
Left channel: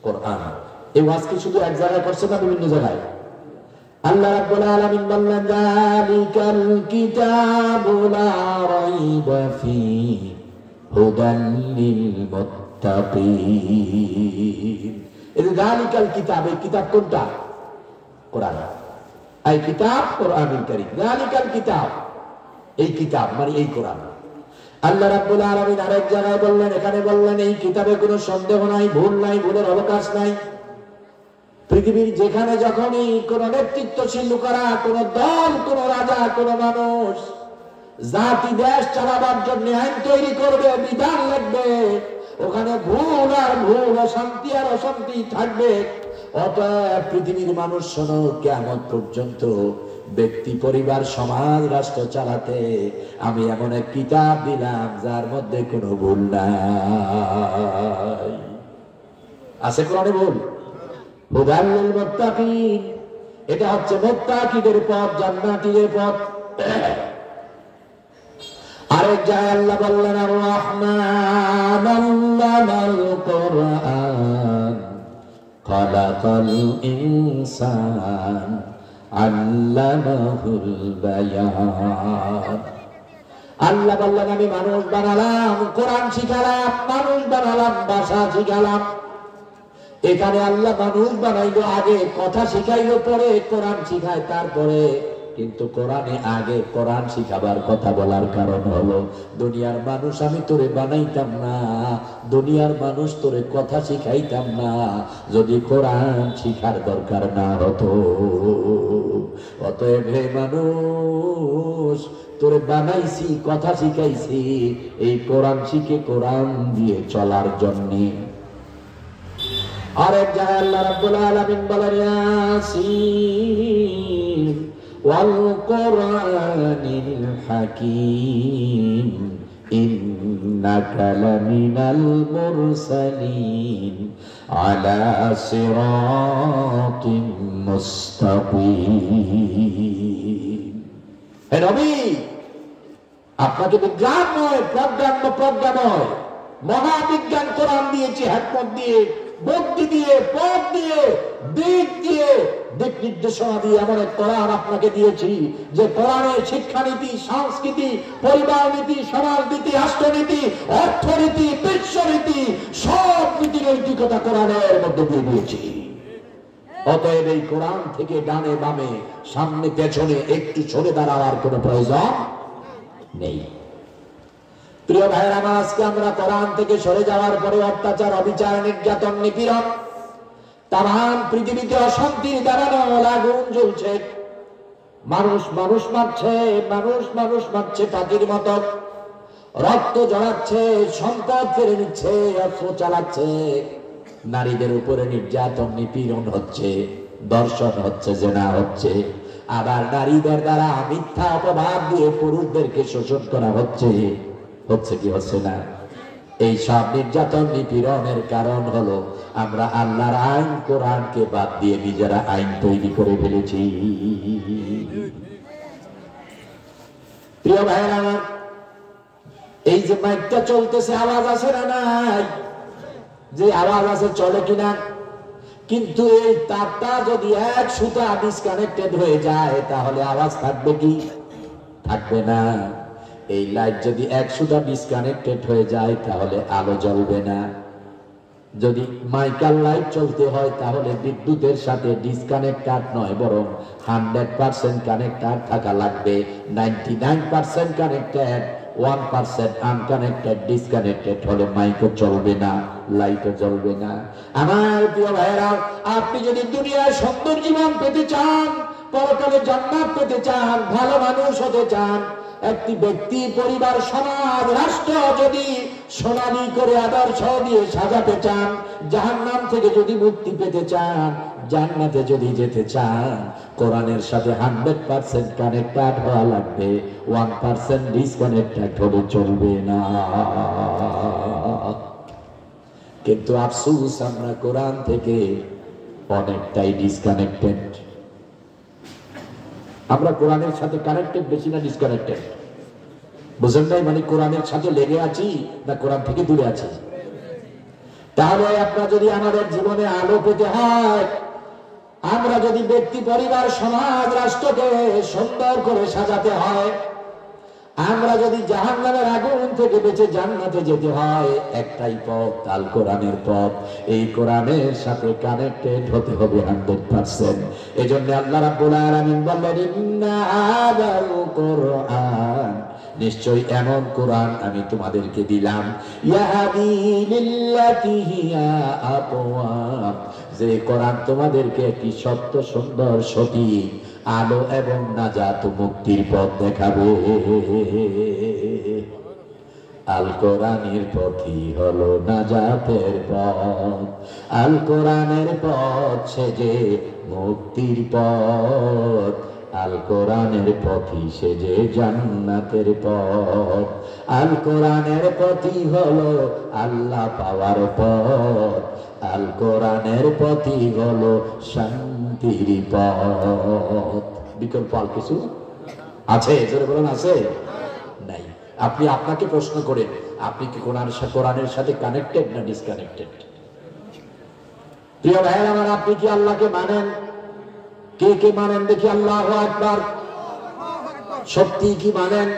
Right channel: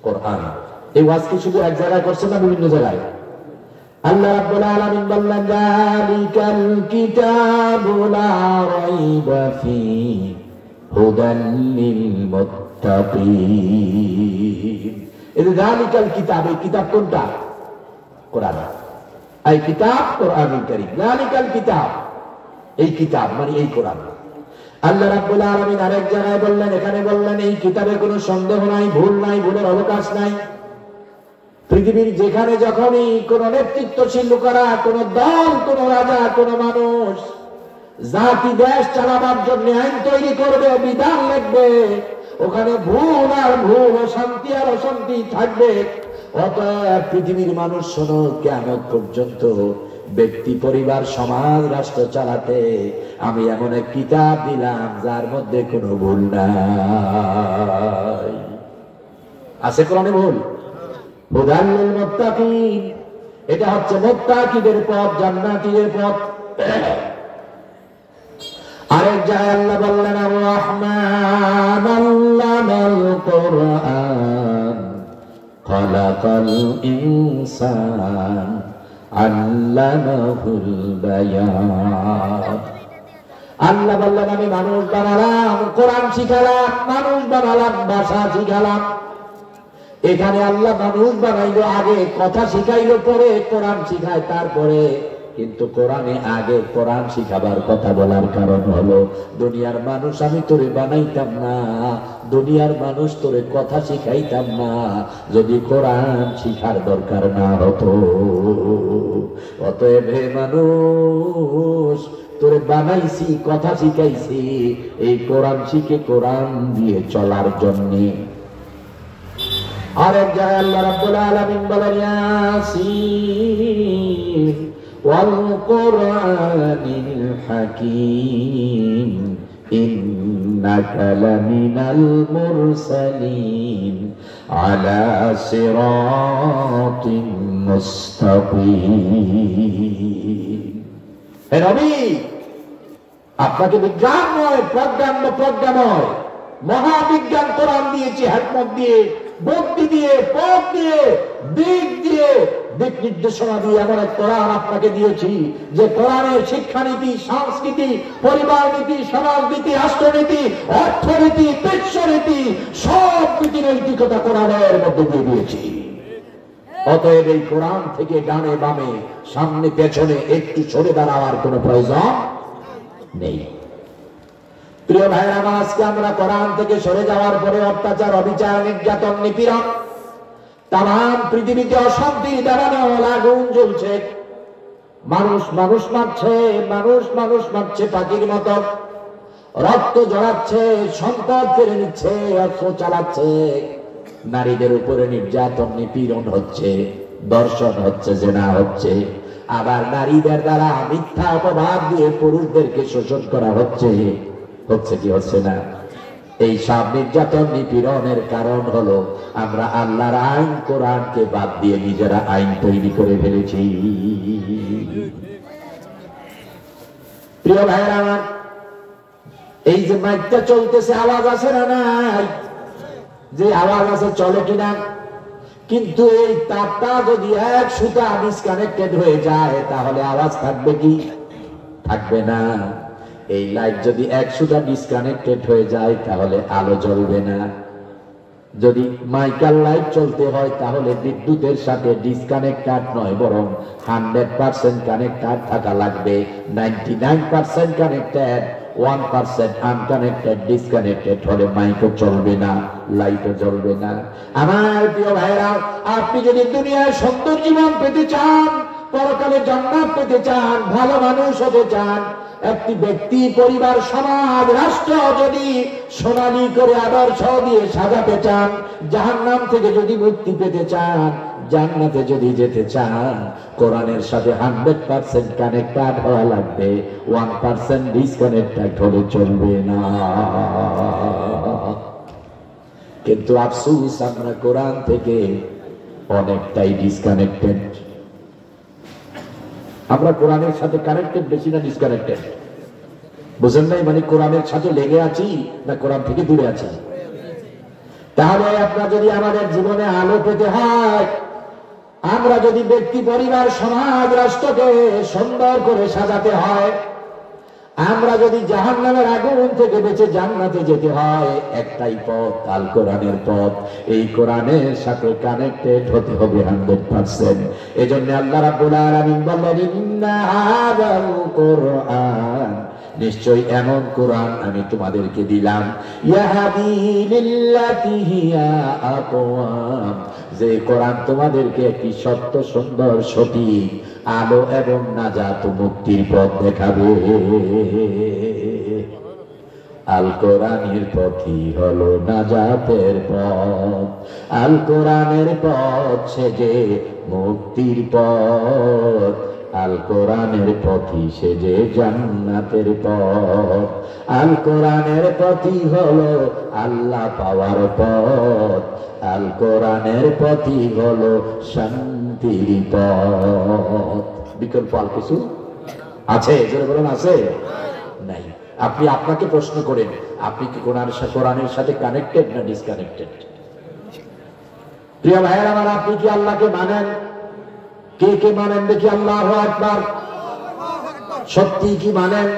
কোরআন। এই ওয়াজ কি শুধু এক জায়গায় করছেন না বিভিন্ন জায়গায়? আল্লাহ রাব্বুল আলামিন বললেন, যালিকাল কিতাবু লা রাইবা ফীহি হুদাল লিল মুত্তাকিন। এই যালিকাল কিতাব, এই কিতাব কোনটা? কোরআন। এই কিতাব কোরআনুল কারীম। যালিকাল কিতাব, এই কিতাব মানে এই কোরআন। আল্লাহ রাব্বুল আলামিন আরেক জায়গায় বললেন, এখানে বললেন এই কিতাবে কোনো সন্দেহ নাই, ভুল নাই, ভুলের অবকাশ নাই। পৃথিবীর যেখানে যখনই কোন নেতৃত্বশীল লোকেরা, কোন দল, কোন রাজা, কোন মানুষ জাতি দেশ চালাবার জন্য আইন তৈরি করবে, বিধান লিখবে, ওখানে ভুল আর ভুল, অশান্তি আর অশান্তি থাকবে। অতএব পৃথিবীর মানুষ শোনো, কিয়ামত পর্যন্ত ব্যক্তি, পরিবার, সমাজ, রাষ্ট্র চালাতে আমি এমন এক কিতাব দিলাম যার মধ্যে কোনো ভুল নাই। আছে কোরআনে ভুল? হুদাল লিল মুত্তাকিন, এটা হচ্ছে মুত্তাকিদের পথ, জান্নাতীদের পথ। আরেক জায়গায় আল্লাহ বললেন, আর রহমান আল্লামাল কুরআন খালাকাল ইনসান আল্লামাহুল বায়ান। আল্লাহ বললেন, আমি মানুষ বানালাম, কোরআন শিখালাম, মানুষ বানালাম, ভাষা শিখালাম। এখানে আল্লাহ মানুষ বানাইলো, আগে কথা শিখাইলো, পরে কোরআন শিখায় তারপরে। কিন্তু কোরআনে আগে কোরআন শিখাবার কথা বলার কারণ হলো, দুনিয়ার মানুষ আমি তোরে বানাইতাম না, দুনিয়ার মানুষ তোরে কথা শিখাইতাম না যদি কোরআন শিখার দরকার না হতো। অতএব হে মানুষ, তোরে বানাইছি, কথা শিখাইছি এই কোরআন শিখে, কোরআন দিয়ে চলার জন্য। আরেক জায়গায় আল্লাহ রাব্বুল আলামিন বলেন, ইয়াসিন ওয়াল কুরআনিল হাকীম ইন্নাকা লামিনাল মুরসালিন আলা সিরাতিম মুস্তাকিম। হে নবী, আপনাকে বিজ্ঞানময়, প্রজ্ঞাময় মহাবিজ্ঞান কোরআন দিয়েছি, হিকমত দিয়ে, বুদ্ধি দিয়ে, পথ দিয়ে, দিক দিয়ে, দিক নির্দেশনা দিয়ে এমন এক কোরআন আপনাকে দিয়েছি যে কোরআনের শিক্ষানীতি, সংস্কৃতি, পরিবার নীতি, সমাজনীতি, রাষ্ট্রনীতি, অর্থনীতি, বিশ্বনীতি, সব নীতি নৈতিকতা কোরআনের মধ্যে দিয়ে দিয়েছি। অতএব এই কোরআন থেকে ডানে বামে, সামনে পেছনে একটু সরে দাঁড়াবার কোনো প্রয়োজন নেই। প্রিয় ভাইরা, আজকে আমরা কোরআন থেকে সরে যাওয়ার পরে অত্যাচার, অবিচার, নির্যাতন, নিপীড়ন, তাম পৃথিবীতে অশান্তির দাবানো আগুন জ্বলছে। মানুষ মানুষ মারছে, মানুষ মানুষ মারছে পাখির মতো, রক্ত জড়াচ্ছে, সম্পদ কেড়ে নিচ্ছে, অস্ত্র চালাচ্ছে, নারীদের উপরে নির্যাতন, নিপীড়ন হচ্ছে, দর্শন হচ্ছে, জেনা হচ্ছে, আবার নারীদের দ্বারা মিথ্যা অপবাদ দিয়ে পুরুষদেরকে শোষণ করা হচ্ছে। হচ্ছে কি হচ্ছে না? এই সব নির্যাতন, নিপীড়নের কারণ হলো আমরা আল্লাহর আইন, কোরআনকে বাদ দিয়ে নিজেরা আইন তৈরি করে ফেলেছি। প্রিয় ভাইরা, এই যে মাইকটা চলতেছে, আওয়াজ আছে না নাই? যে আওয়াজ আছে, চলে কিনা? কিন্তু এই তারটা যদি এক সুতা ডিসকানেক্টেড হয়ে যায় তাহলে আওয়াজ থাকবে কি? থাকবে না। এই লাইট যদি এক সুতা ডিসকানেক্টেড হয়ে যায় তাহলে আলো জ্বলবে না। যদি মাইকাল লাইট চলতে হয় তাহলে বিদ্যুতের সাথে ডিসকানেক্টেড নয়, বরং 100% কানেক্টেড থাকা লাগবে। 99% কানেক্টেড, 1% আনকানেক্টেড, ডিসকানেক্টেড হলে মাইকও চলবে না, লাইটও জ্বলবে না। আমার প্রিয় ভাইরা, আপনি যদি দুনিয়ায় সুন্দর জীবন পেতে চান, পরকালে জান্নাত পেতে চান, ভালো মানুষ হতে চান, একটি ব্যক্তি, পরিবার, সমাজ, রাষ্ট্র যদি সোনালী করে আদর্শ দিয়ে সাজাতে চান, জাহান্নাম থেকে যদি মুক্তি পেতে চান, জান্নাতে যদি যেতে চান, কোরআনের সাথে 100% কানেক্টেড হওয়া লাগবে। 1% ডিসকানেক্টেড হলে চলবে না। কিন্তু আফসোস, আমরা কোরআন থেকে অনেকটাই ডিসকানেক্টেড। আমরা কোরআনের সাথে কানেক্টেড বেশি না ডিসকানেক্টেড? বুঝেন নাই? মানে কোরআনের সাথে লেগে আছি না কোরআন থেকে দূরে আছি? তাহলে আপনার যদি আমাদের জীবনে আলো পেতে হয়, আমরা যদি ব্যক্তি, পরিবার, সমাজ, রাষ্ট্রকে সুন্দর করে সাজাতে হয়, আমরা যদি জাহান্নামের আগুন থেকে বেঁচে জান্নাতে যেতে হয়, একটাই পথ, আল কোরআনের পথ। এই কোরআনের সাথে কানেক্টেড হতে হবে 100%। এজন্য আল্লাহ রাব্বুল আলামিন বললেন, ইন্না হাযাল কোরআন, নিশ্চয়ই এমন কোরআন আমি তোমাদেরকে দিলাম, ইয়াহদি লিল্লাতি হিয়া আকওয়াম, যে কোরআন তোমাদেরকে একটি সত্য, সুন্দর, সঠিক আলো এবং নাজাত, মুক্তির পথ দেখাবে। আল কোরআনের পথই হলো নাজাতের পথ, আল কোরআনের পথ সেজে মুক্তির পথ, আল কোরআনের পথই সেজে জান্নাতের পথ, আল কোরআনের পথই হলো আল্লাহ পাওয়ার পথ, আল কোরআনের পথই হলো শান্তির পথ। বিকল্প আর কিছু আছে? আছে নাই? আপনি আপনাকে প্রশ্ন করেন, আপনি কি কোরআনের সাথে কানেক্টেড না ডিসকানেক্টেড? প্রিয় ভাইয়ের আমার, আপনি কি আল্লাহকে মানেন? কে কে মানেন দেখি? আল্লাহু আকবার। সত্যি কি মানেন?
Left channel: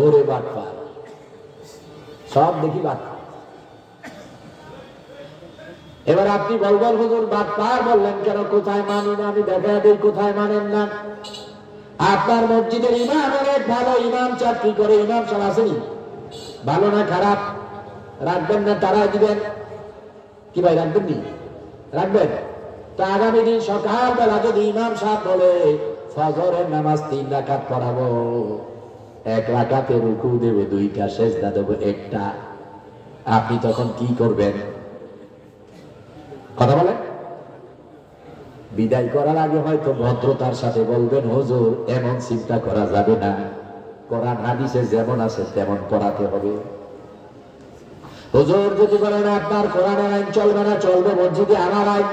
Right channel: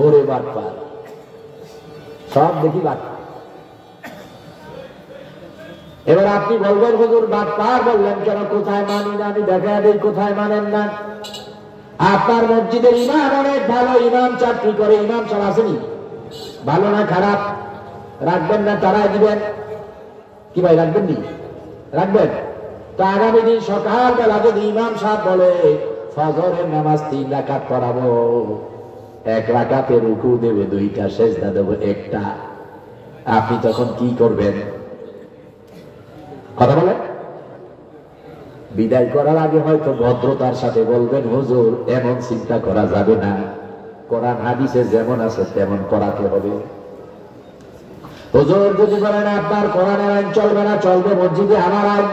ওরে বাটপার, সব দেখি বাটপার। এবার আপনি বলবেন, হুজুর বাটপার বললেন কেন? কোথায় মানি না? আমি দেখা দিই কোথায় মানেন না। আপনার মসজিদের ইমাম অনেক ভালো, ইমাম চাকরি করে, ইমাম সাহেব আসেনি, ভালো না খারাপ? রাখবেন না তারা দিবেন? কি ভাই, রাখবেন নি? রাখবেন তো। আগামী দিন সকালবেলা যদি ইমাম সাহেব বলে ফজরের নামাজ 3 রাকাত পড়াবো, 1 রাকাতে রুকু দেব, 2টা সেজদা দেব, 1টা, আপনি তখন কি করবেন? কথা বলেন। বিদায় করার আগে হয়তো ভদ্রতার সাথে বলবেন, হুজুর এমন চিন্তা করা যাবে না, কোরআন হাদিসে যেমন আছে তেমন করাতে হবে। হুজুর যদি বলেন আপনার কোরআনের আইন চলবে না, চলবে মসজিদে আমার আইন,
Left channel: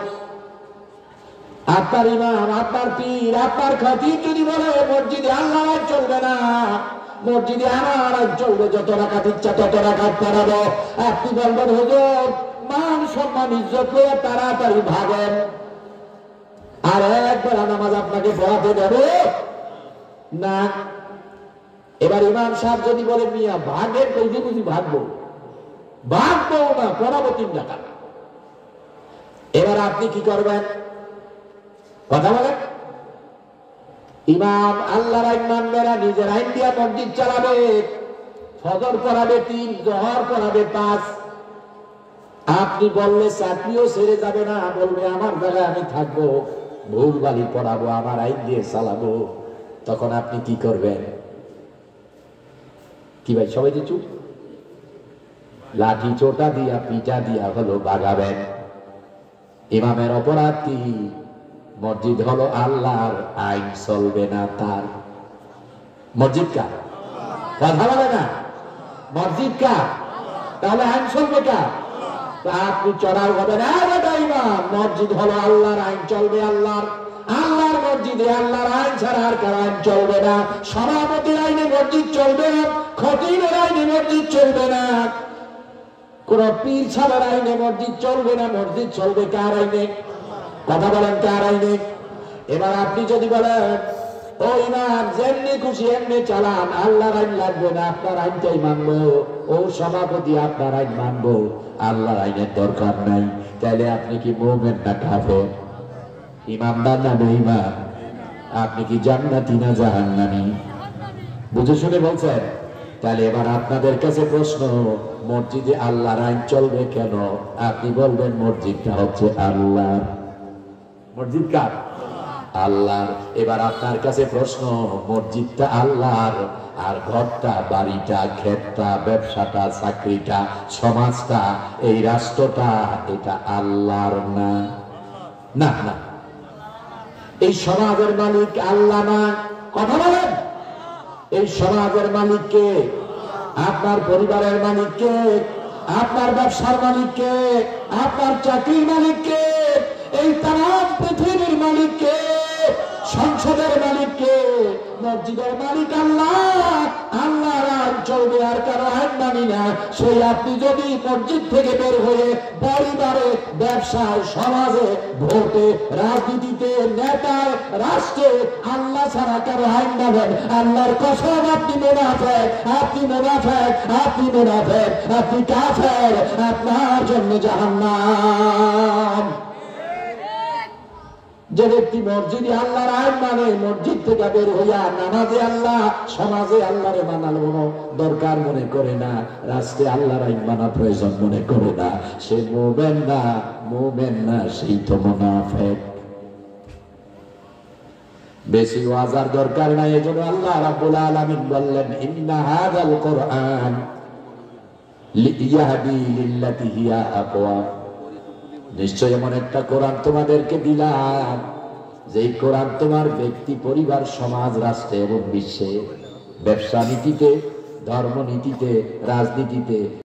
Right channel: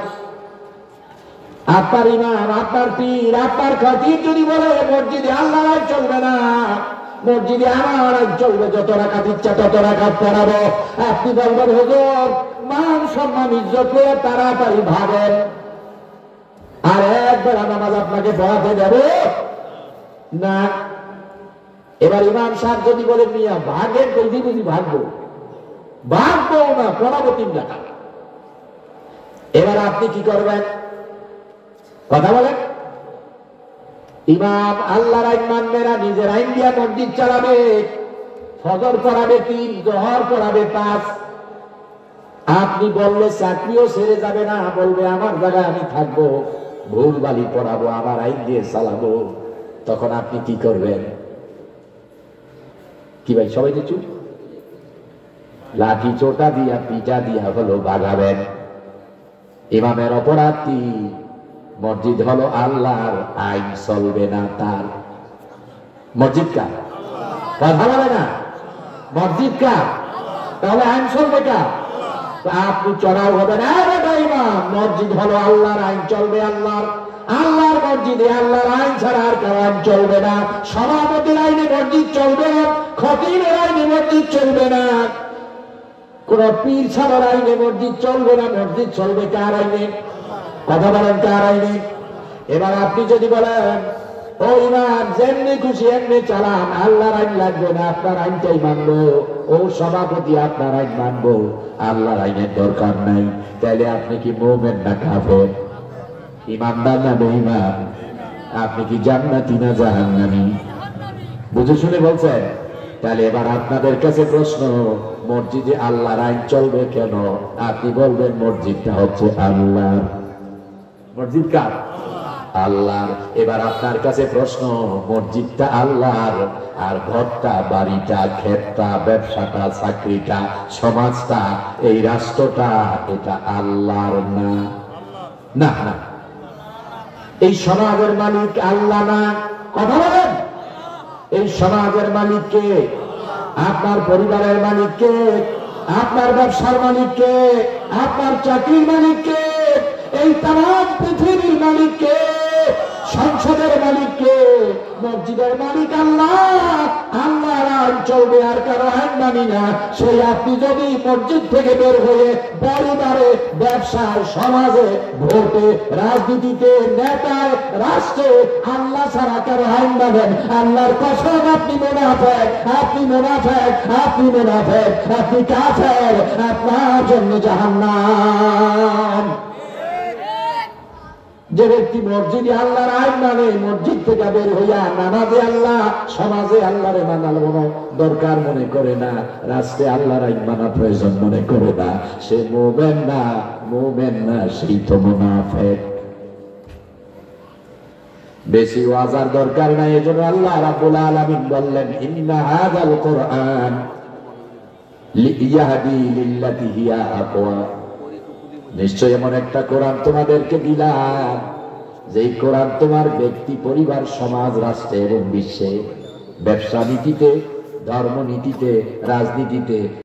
আপনার ইমাম, আপনার পীর, আপনার খতিব যদি বলে মসজিদে আল্লাহর আইন চলবে না, মসজিদে আমার আইন চলবে, যত রাকাত ইচ্ছা তত রাকাত পড়াবো, আপনি বলবেন হুজুর মান সম্মান ইজ্জত করে তাড়াতাড়ি ভাবেন, আর একবার নামাজ আপনাকে পড়াতে দেবে না। এবার ইমাম সাহেব যদি বলে মিয়া ভাগের কইদি বুঝি ভাগবো, ভাগবো না, পড়াবো 3 টাকা, এবার আপনি কি করবেন? কথা বলেন। ইমাম আল্লাহর আইন মানবে না, নিজের আইন দিয়া মসজিদ চালাবে, ফজর পড়াবে 3, জোহর পড়াবে 5। আপনি বললে চাকরিও ছেড়ে যাবে না, বলবে আমার জায়গায় আমি থাকবো, ভুল বালি পড়াবো, আমার আইন দিয়ে চালাবো, তখন আপনি কি করবেন? কি ভাই সবাই যে চুপ? লাঠি চোটা দিয়া, পিঠা দিয়া হলো বাগাবেন। ইমামের অপরাধ কি? মসজিদ হলো আল্লাহর, আইন চলবে না তার। মসজিদ কার? কথা বলে না, মসজিদ কার? তাহলে আইন চলবে কার? আপনি চড়ার হবে না। ইমাম, মসজিদ হলো আল্লাহর, আইন চলবে আল্লাহর, আল্লাহর মসজিদে আল্লাহর আইন ছাড়া আর কার আইন চলবে না। সভাপতির আইনে মসজিদ চলবে না, খতিবের আইনে মসজিদ চলবে না, কোন পীর ছাড়ার আইনে মসজিদ চলবে না, মসজিদ চলবে কার আইনে? কথা বলেন, কার আইনে? এবার আপনি যদি বলেন ও ইমাম যেমনি খুশি এমনি চালান, আল্লাহর আইন লাগবে না, আপনার আইনটাই মানবো, ও সভাপতি আপনার আইন মানবো, আল্লাহর আইনের দরকার নাই, তাইলে আপনি কি মুমিন না কাফের? ইমানদার না বেঈমান? আপনি কি জান্নাতি না জাহান্নামী? বুঝে শুনে বলছেন? তাহলে এবার আপনাদের কাছে প্রশ্ন, মসজিদে আল্লাহর আইন চলবে কেন? আপনি বলবেন মসজিদটা হচ্ছে আল্লাহ। মসজিদ কার? আল্লাহ। এবার আপনার কাছে প্রশ্ন, মসজিদটা আল্লাহর, আর ঘরটা, বাড়িটা, ক্ষেতটা, ব্যবসাটা, চাকরিটা, সমাজটা, এই রাষ্ট্রটা, এটা আল্লাহর না? না না, এই সমাজের মালিক আল্লাহ না। কথা বলেন, এই সমাজের মালিক কে? আপনার পরিবারের মালিক কে? আপনার ব্যবসার মালিক কে? আপনার চাকরির মালিক কে? এই তাম পৃথিবীর মালিক কে? সংসদের মালিক কে? মসজিদের মালিক আল্লাহ। আল্লাহর আইন চলবে, আর কারো আইন মানি না। সেই আপনি যদি মসজিদ থেকে বের হয়ে পরিবারে, ব্যবসায়, সমাজে, ভোটে, রাজনীতিতে, নেতায়, রাষ্ট্রে আল্লাহ ছাড়া কারো আইন মানেন, আল্লাহর কসম আপনি মুনাফিক, আপনি মুনাফিক, আপনি মুনাফিক, আপনি কাফের, আপনার জন্য জাহান্নাম। যে ব্যক্তি মসজিদে আল্লাহর আইন মানে, মসজিদ থেকে বের হইয়া নামাজে আল্লাহ, সমাজে আল্লাহরে মানা দরকার মনে করে না, রাষ্ট্রে আল্লাহর আইন মানা প্রয়োজন মনে করে না, সে মুমিন না, মুমিন না, সেই তো মুনাফিক। বেশি ওয়াজার দরকার নাই। এজন্য আল্লাহ রাব্বুল আলামিন বললেন, ইন্না হাযাল কুরআন লিয়াহদি লিল্লাতি হিয়া আকওয়াম। নিশ্চয় এমন একটা কোরআন তোমাদেরকে দিলাম, যেই কোরআন তোমার ব্যক্তি, পরিবার, সমাজ, রাষ্ট্রে এবং বিশ্বে, ব্যবসা নীতিতে, ধর্ম নীতিতে, রাজনীতিতে